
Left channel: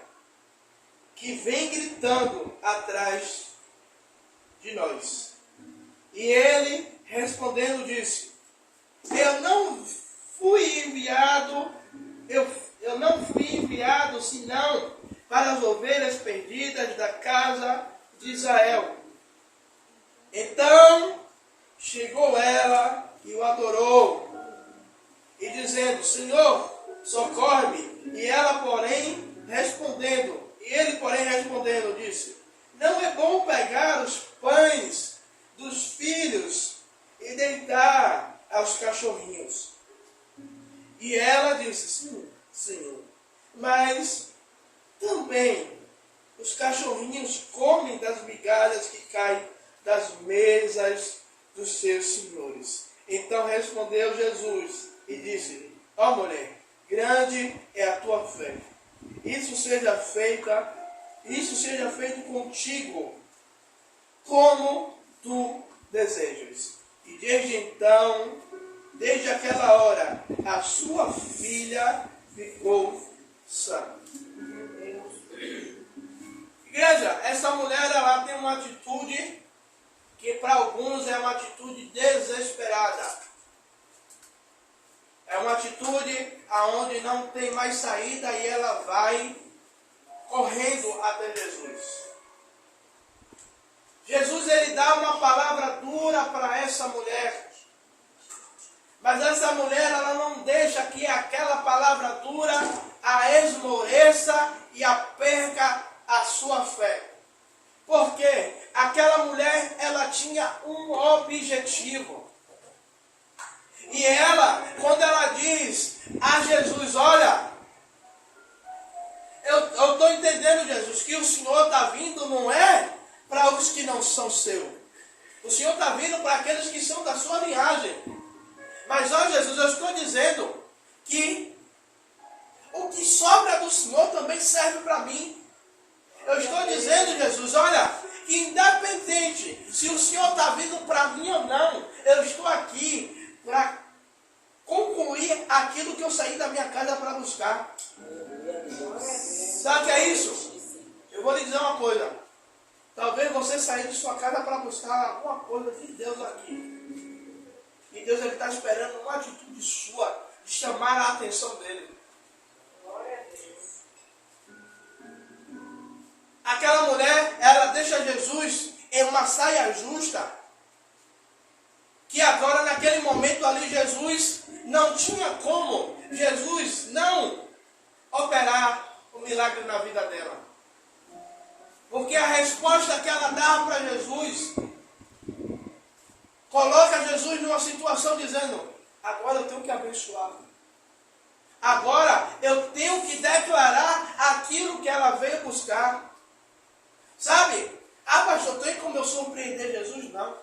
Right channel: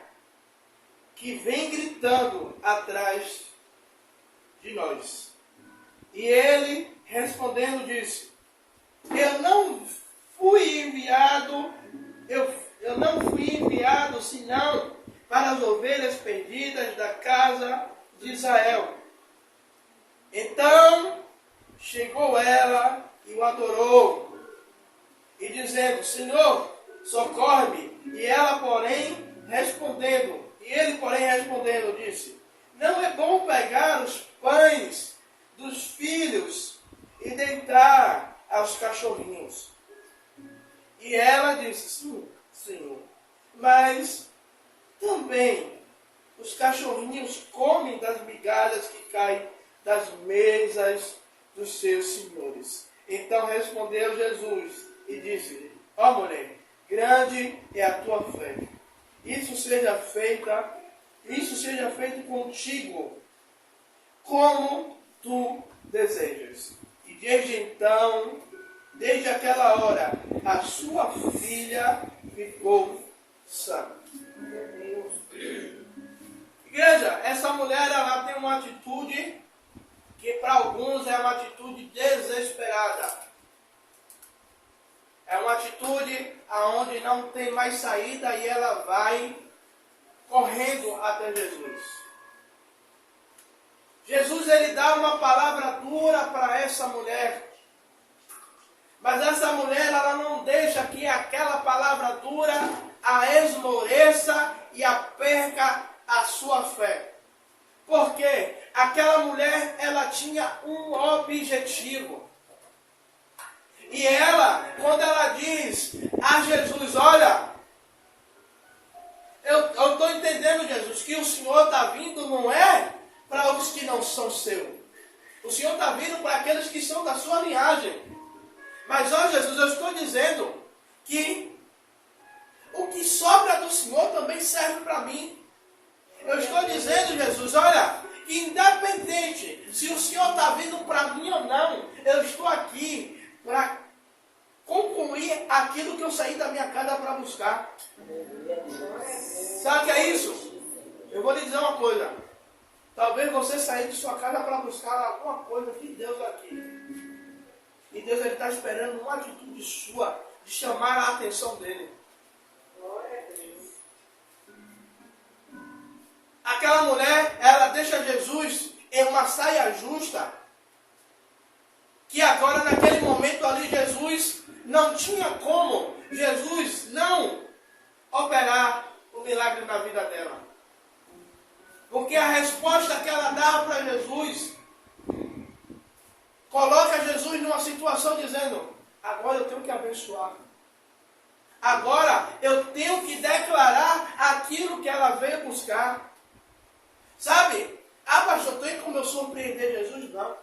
que vem gritando atrás de nós. E ele, respondendo, disse, eu não fui enviado senão para as ovelhas perdidas da casa de Israel. Então chegou ela e o adorou, e dizendo, Senhor, socorre-me. E ela, porém, ele, porém, respondendo, disse, não é bom pegar os pães dos filhos e deitar aos cachorrinhos. E ela disse, sim, Senhor, mas também os cachorrinhos comem das migalhas que caem das mesas dos seus senhores. Então respondeu Jesus e disse-lhe, ó mulher, grande é a tua fé. Isso seja feito contigo, como tu desejas. E desde aquela hora, a sua filha ficou sã. Igreja, essa mulher, ela tem uma atitude que para alguns é uma atitude desesperada. É uma atitude aonde não tem mais saída e ela vai correndo até Jesus. Jesus, ele dá uma palavra dura para essa mulher. Mas essa mulher, ela não deixa que aquela palavra dura a esmoreça e a perca a sua fé. Porque aquela mulher, ela tinha um objetivo. E ela, quando ela diz a Jesus, olha, eu estou entendendo, Jesus, que o Senhor está vindo não é para os que não são seus. O Senhor está vindo para aqueles que são da sua linhagem. Mas, ó Jesus, eu estou dizendo que o que sobra do Senhor também serve para mim. Eu estou dizendo, Jesus, olha, que independente se o Senhor está vindo para mim ou não, eu estou aqui para concluir aquilo que eu saí da minha casa para buscar. Sabe o que é isso? Eu vou lhe dizer uma coisa. Talvez você sair de sua casa para buscar alguma coisa de Deus aqui. E Deus está esperando uma atitude sua de chamar a atenção dele. Aquela mulher, ela deixa Jesus em uma saia justa. Que agora, naquele momento ali, Jesus não tinha como Jesus não operar o milagre na vida dela. Porque a resposta que ela dava para Jesus coloca Jesus numa situação dizendo, agora eu tenho que abençoar. Agora eu tenho que declarar aquilo que ela veio buscar. Sabe? Ah, pastor, tem como eu surpreender Jesus? Não.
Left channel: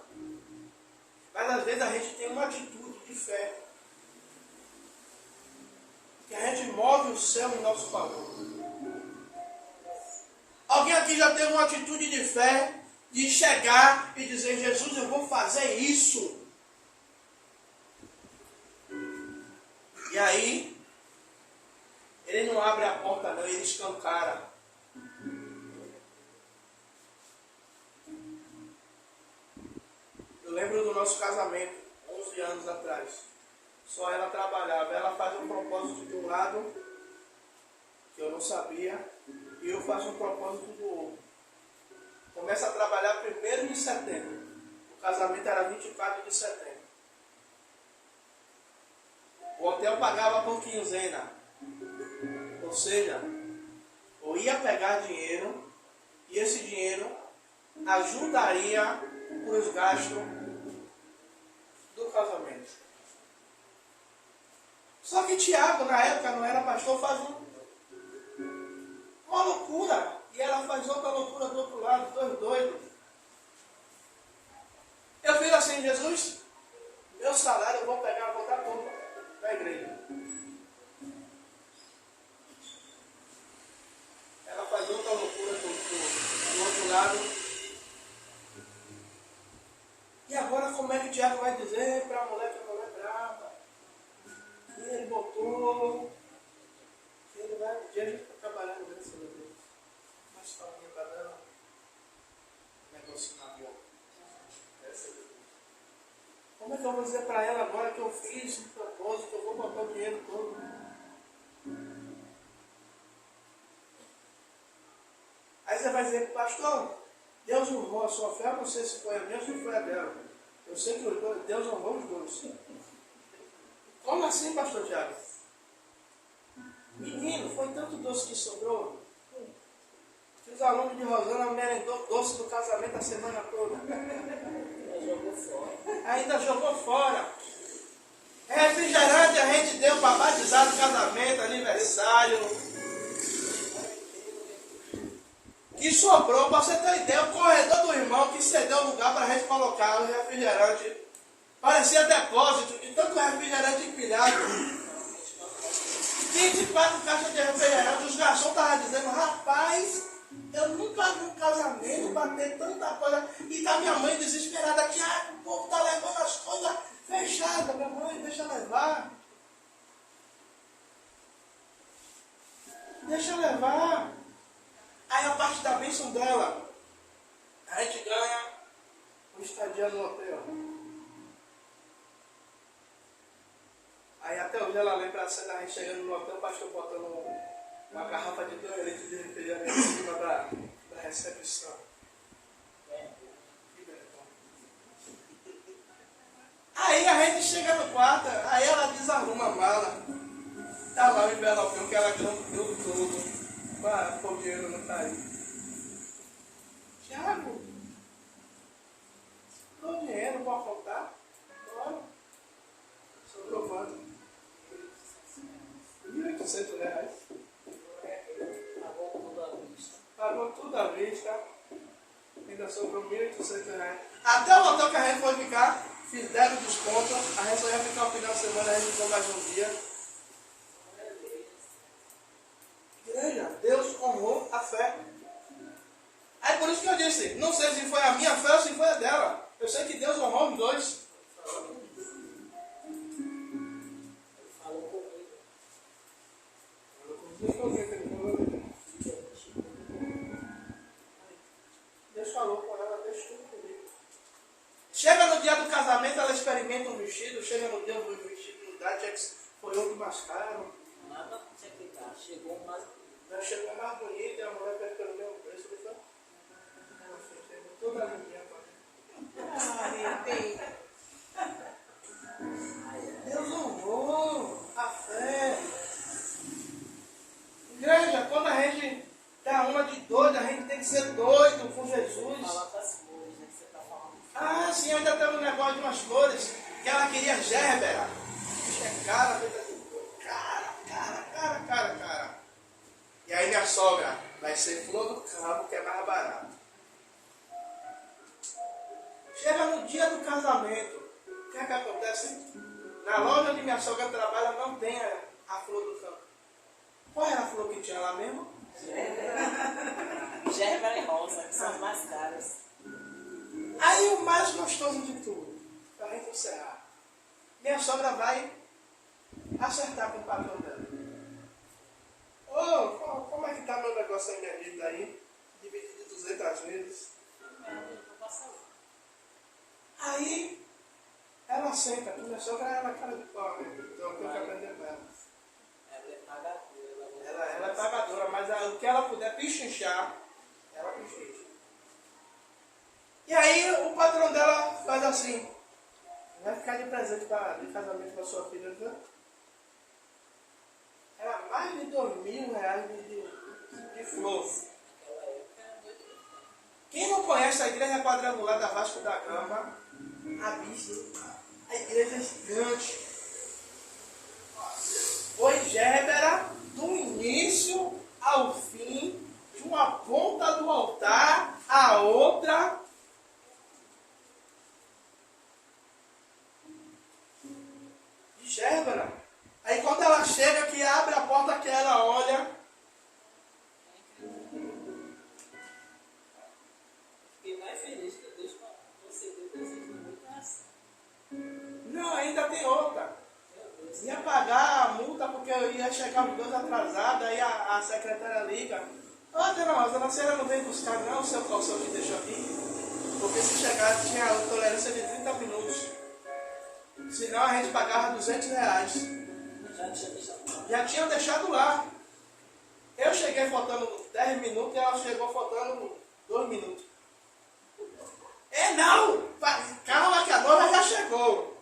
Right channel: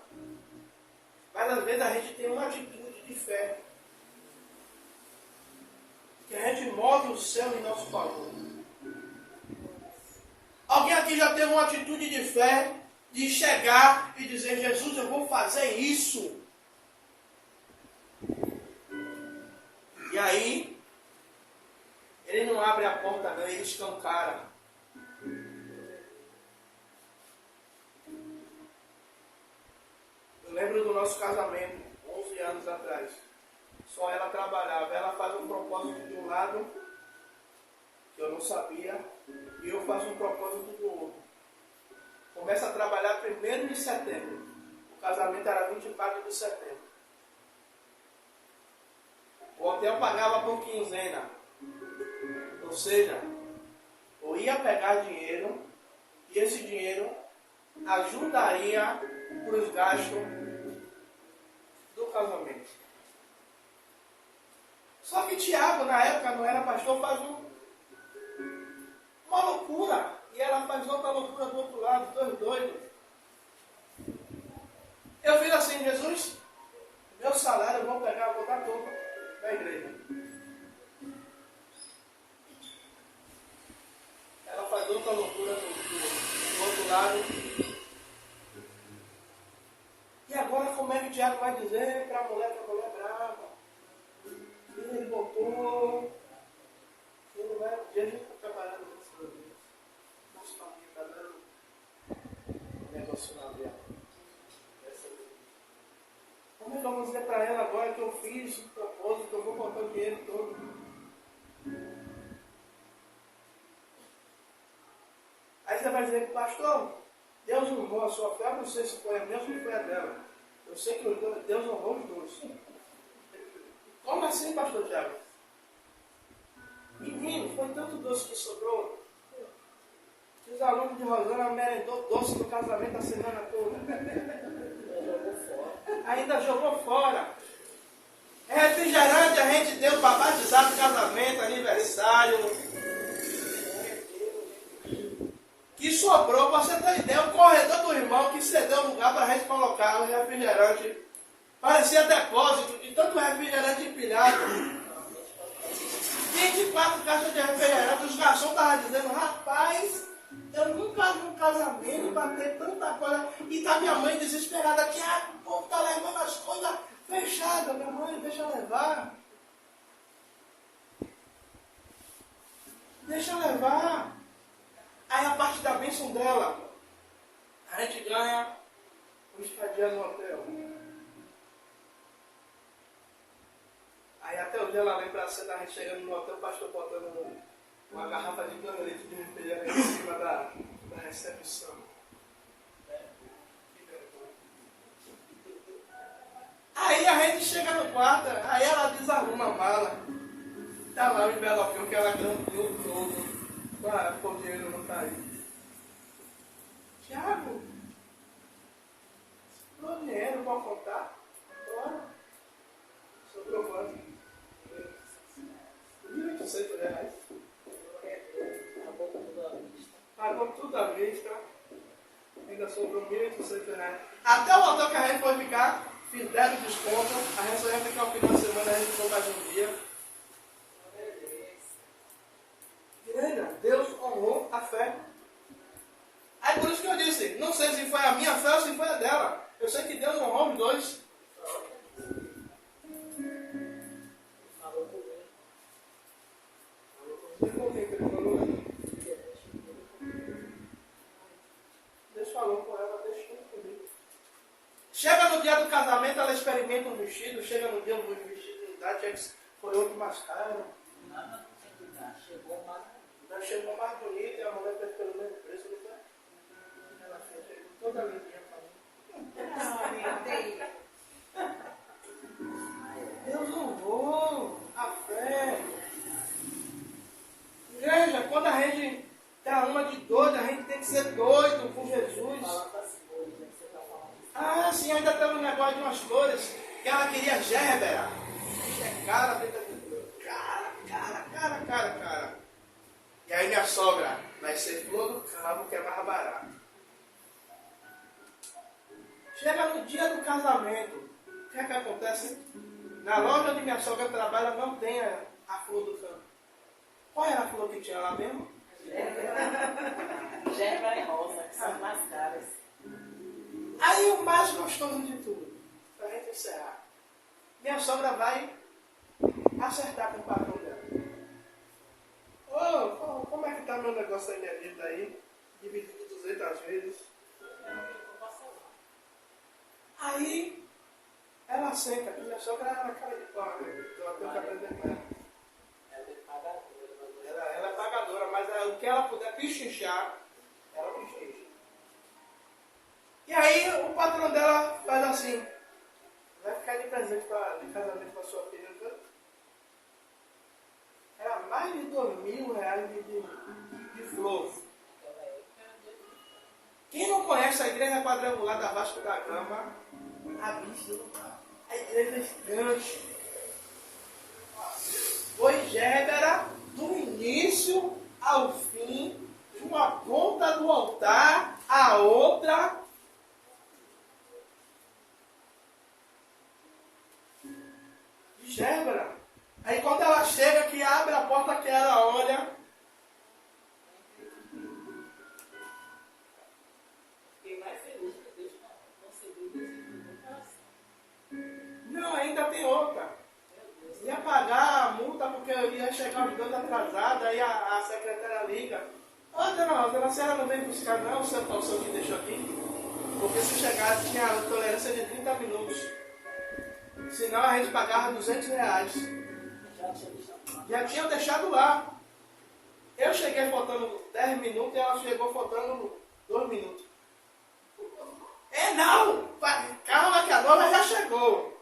Mas às vezes a gente tem uma atitude de fé. Que a gente move o céu em nosso favor. Alguém aqui já teve uma atitude de fé de chegar e dizer, Jesus, eu vou fazer isso. E aí, ele não abre a porta não, ele escancara. Eu lembro do nosso casamento, 11 anos atrás. Só ela trabalhava. Ela faz um propósito de um lado, que eu não sabia, e eu faço um propósito do outro. Começa a trabalhar 1º de setembro. O casamento era 24 de setembro. O hotel pagava por quinzena. Ou seja, eu ia pegar dinheiro e esse dinheiro ajudaria para os gastos do casamento. Só que Tiago, na época, não era pastor, faz uma loucura. E ela faz outra loucura do outro lado, dois doidos. Eu fiz assim, Jesus, meu salário eu vou pegar, vou dar todo da igreja. Ela faz outra loucura do outro lado. E agora como é que Tiago vai dizer para a mulher que a mulher é brava? Que ele botou, que ele vai, um dia a gente está trabalhando nessa vez. Mas Paulinha está dando um negócio na minha. Como é que eu vou dizer para ela agora que eu fiz um propósito, que eu vou botar o dinheiro todo? Aí você vai dizer, pastor, Deus honrou a sua fé, eu não sei se foi a minha ou se foi a dela. Eu sei que os dois, Deus honrou os dois. Como Como assim, pastor Tiago? Menino, foi tanto doce que sobrou, que os alunos de Rosana merendou doce do casamento a semana toda. Ainda jogou fora. Refrigerante a gente deu para batizar do casamento, aniversário. Que sobrou, para você ter ideia, o corredor do irmão que cedeu lugar para a gente colocar o refrigerante. Parecia depósito de tanto refrigerante empilhado. 24 caixas de refrigerante, os garçons estavam dizendo, rapaz, eu nunca vi um casamento bater tanta coisa. E tá minha mãe desesperada, que o povo tá levando as coisas fechadas. Minha mãe, deixa levar. Deixa levar. Aí a parte da bênção dela, a gente ganha uma estadia no hotel. Aí até hoje ela lembra a cena, a gente chegando no hotel, o pastor botando uma garrafa de 2 litros de refrigerante em cima da recepção. Aí a gente chega no quarto, aí ela desarruma a mala. Tá lá o envelopinho que ela grampeou todo. Para o dinheiro não cair. Tiago, sobrou dinheiro para contar? Bora. Sobrou quanto? R$1.800. Pagou tudo à vista. Ainda sobrou R$1.800. Até o hotel que a gente foi ficar, fizeram desconto. A gente só ia ficar o final de semana, a gente ficou mais um dia. Igreja, Deus honrou a fé. Aí por isso que eu disse, não sei se foi a minha fé ou se foi a dela. Eu sei que Deus honrou os dois. Falou comigo. Deus falou com ela, deixa tudo comigo. Chega no dia do casamento, ela experimenta um vestido. Chega no dia do vestido, não dá, foi outro mais caro. Nada não tinha que dar, chegou mais. Chegou mais bonita e a mulher fez pelo mesmo preço, não foi? Ela fez, chegou toda limpinha para mim. Deus honrou a fé. Igreja, quando a gente dá uma de doido, a gente tem que ser doido com Jesus. Ah, sim, ainda teve um negócio de umas flores que ela queria gérbera. É cara, feita de cara. E aí minha sogra vai ser flor do cabo, que é mais barato. Chega no dia do casamento, o que é que acontece? Na loja onde minha sogra trabalha não tem a flor do campo. Qual era a flor que tinha lá mesmo? Gérbera e rosa, que são as mais caras. Aí o mais gostoso de tudo, pra gente encerrar. Minha sogra vai acertar com o patrão dela. Ô, como é que tá meu negócio aí, minha vida aí? Dividido de 200 vezes. Aí, ela senta, que minha sogra era cara de pau, né? Então eu tenho que aprender com ela. Ela é pagadora. Ela é pagadora, mas o que ela puder pichinchar, ela pichincha. E aí o patrão dela faz assim, vai ficar de presente de casamento para sua filha, viu? Era mais de R$2.000 de flor. Quem não conhece a igreja quadrangular da Vasco da Gama, a vista, a igreja é gigante. Foi gérbera do início ao fim, de uma ponta do altar à outra. De gérbera. Aí quando ela chega, que abre a porta, que ela olha. Fiquei mais feliz que Deus concedeu o desejo do meu coração. Não, ainda tem outra. Ia pagar a multa porque eu ia chegar os dois atrasados, aí a secretária liga. Ô, dona Rosa, a senhora não vem buscar não o seu calção que deixou aqui? Porque se chegar tinha a tolerância de 30 minutos. Senão a gente pagava R$200. Já tinha deixado lá. Eu cheguei faltando 10 minutos e ela chegou faltando 2 minutos. Não! Calma que a noiva já chegou.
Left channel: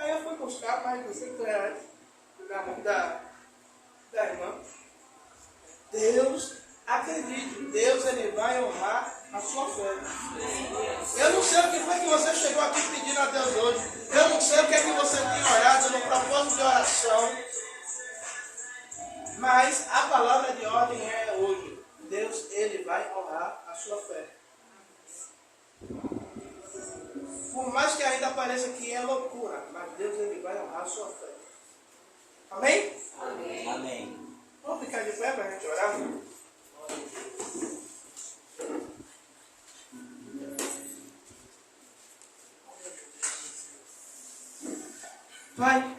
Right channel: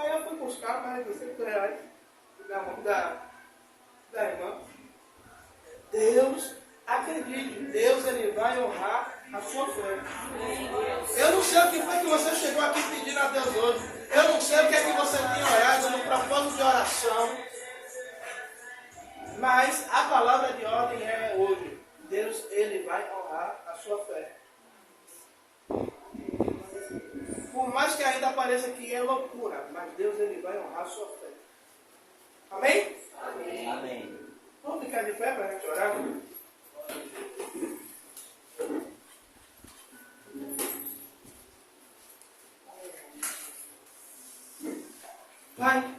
Aí eu fui buscar mais de R$200 na mão da irmã. Deus, acredite, Deus ele vai honrar a sua fé. Eu não sei o que foi que você chegou aqui pedindo a Deus hoje. Eu não sei o que é que você tem orado no propósito de oração. Mas a palavra de ordem é hoje. Deus ele vai honrar a sua fé. Por mais que ainda pareça que é loucura, mas Deus ele vai honrar a sua fé. Amém? Amém. Amém. Vamos ficar de pé para a gente orar? Pai,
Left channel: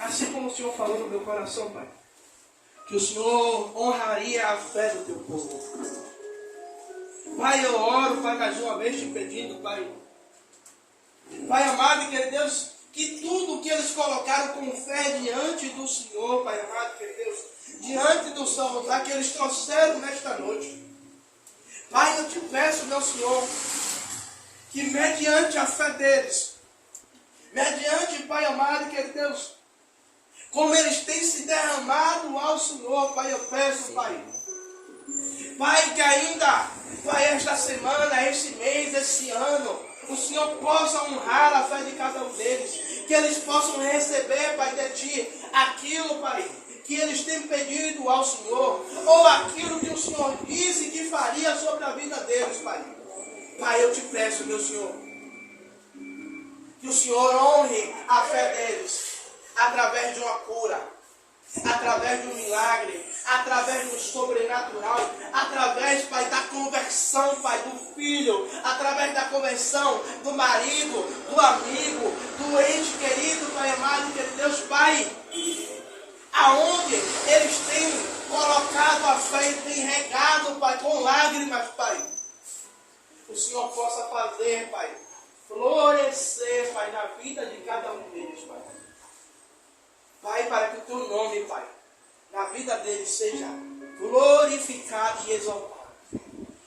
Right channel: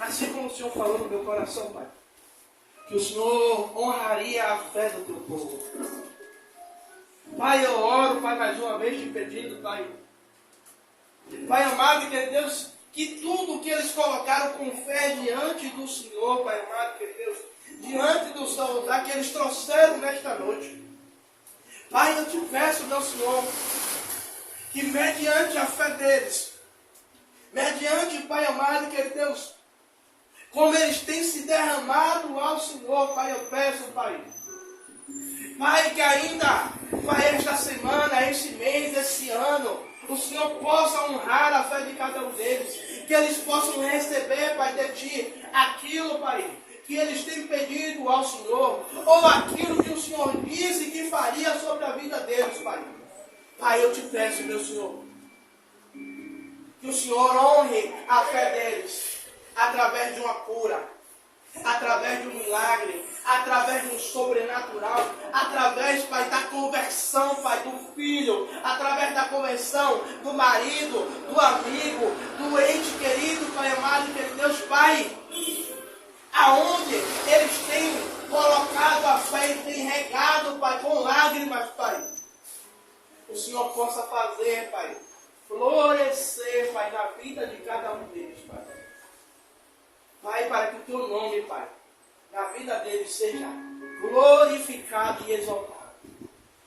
assim como o Senhor falou no meu coração, Pai, que o Senhor honraria a fé do teu povo. Pai, eu oro, Pai, mais uma vez te pedindo, Pai. Pai amado e querido Deus, que tudo que eles colocaram com fé diante do Senhor, Pai amado e querido Deus, diante do seu altar que eles trouxeram nesta noite. Pai, eu te peço, meu Senhor, que mediante a fé deles, mediante, Pai amado e querido Deus, como eles têm se derramado ao Senhor, Pai, eu peço, Pai. Pai, que ainda, Pai, esta semana, este mês, esse ano, o Senhor possa honrar a fé de cada um deles. Que eles possam receber, Pai, de Ti, aquilo, Pai, que eles têm pedido ao Senhor. Ou aquilo que o Senhor disse que faria sobre a vida deles, Pai. Pai, eu te peço, meu Senhor, que o Senhor honre a fé deles, através de uma cura, através de um milagre, através de um sobrenatural, através, Pai, da conversão, Pai, do filho, através da conversão do marido, do amigo, do ente querido, Pai amado e querido Deus, Pai, aonde eles têm colocado a fé e têm regado, Pai, com lágrimas, Pai, o Senhor possa fazer, Pai, florescer, Pai, na vida de cada um deles, Pai. Pai, para que o teu nome, Pai, na vida deles seja glorificado e exaltado.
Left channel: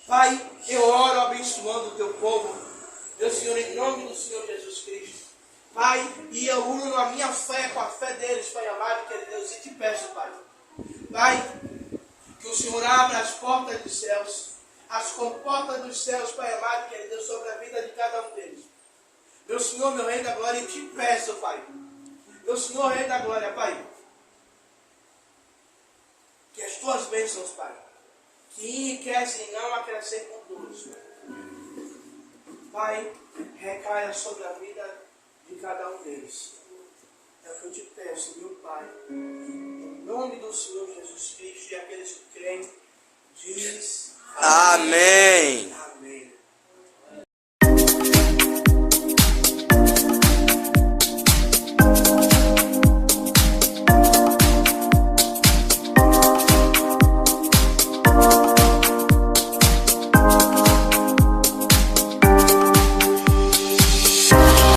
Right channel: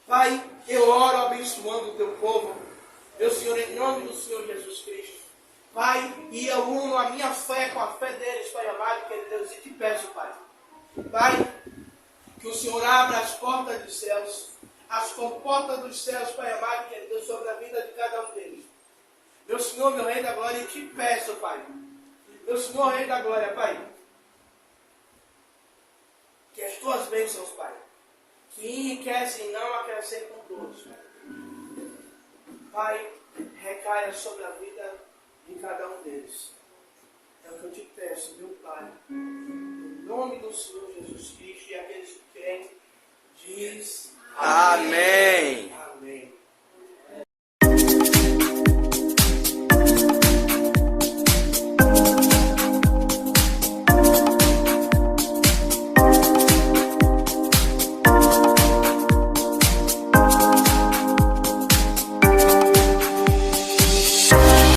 Pai, eu oro abençoando o teu povo, meu Senhor, em nome do Senhor Jesus Cristo. Pai, e eu uno a minha fé com a fé deles, Pai amado, querido Deus, e te peço, Pai. Pai, que o Senhor abra as portas dos céus, as comportas dos céus, Pai amado, querido Deus, sobre a vida de cada um deles. Meu Senhor, meu Rei da Glória, e te peço, Pai. Meu Senhor, Rei da Glória, Pai, que as tuas bênçãos, Pai, que enriquecem e não acrescentam dores, Pai, recaia sobre a vida de cada um deles. É o que eu te peço, meu Pai, em nome do Senhor Jesus Cristo, e aqueles que creem, diz Amém.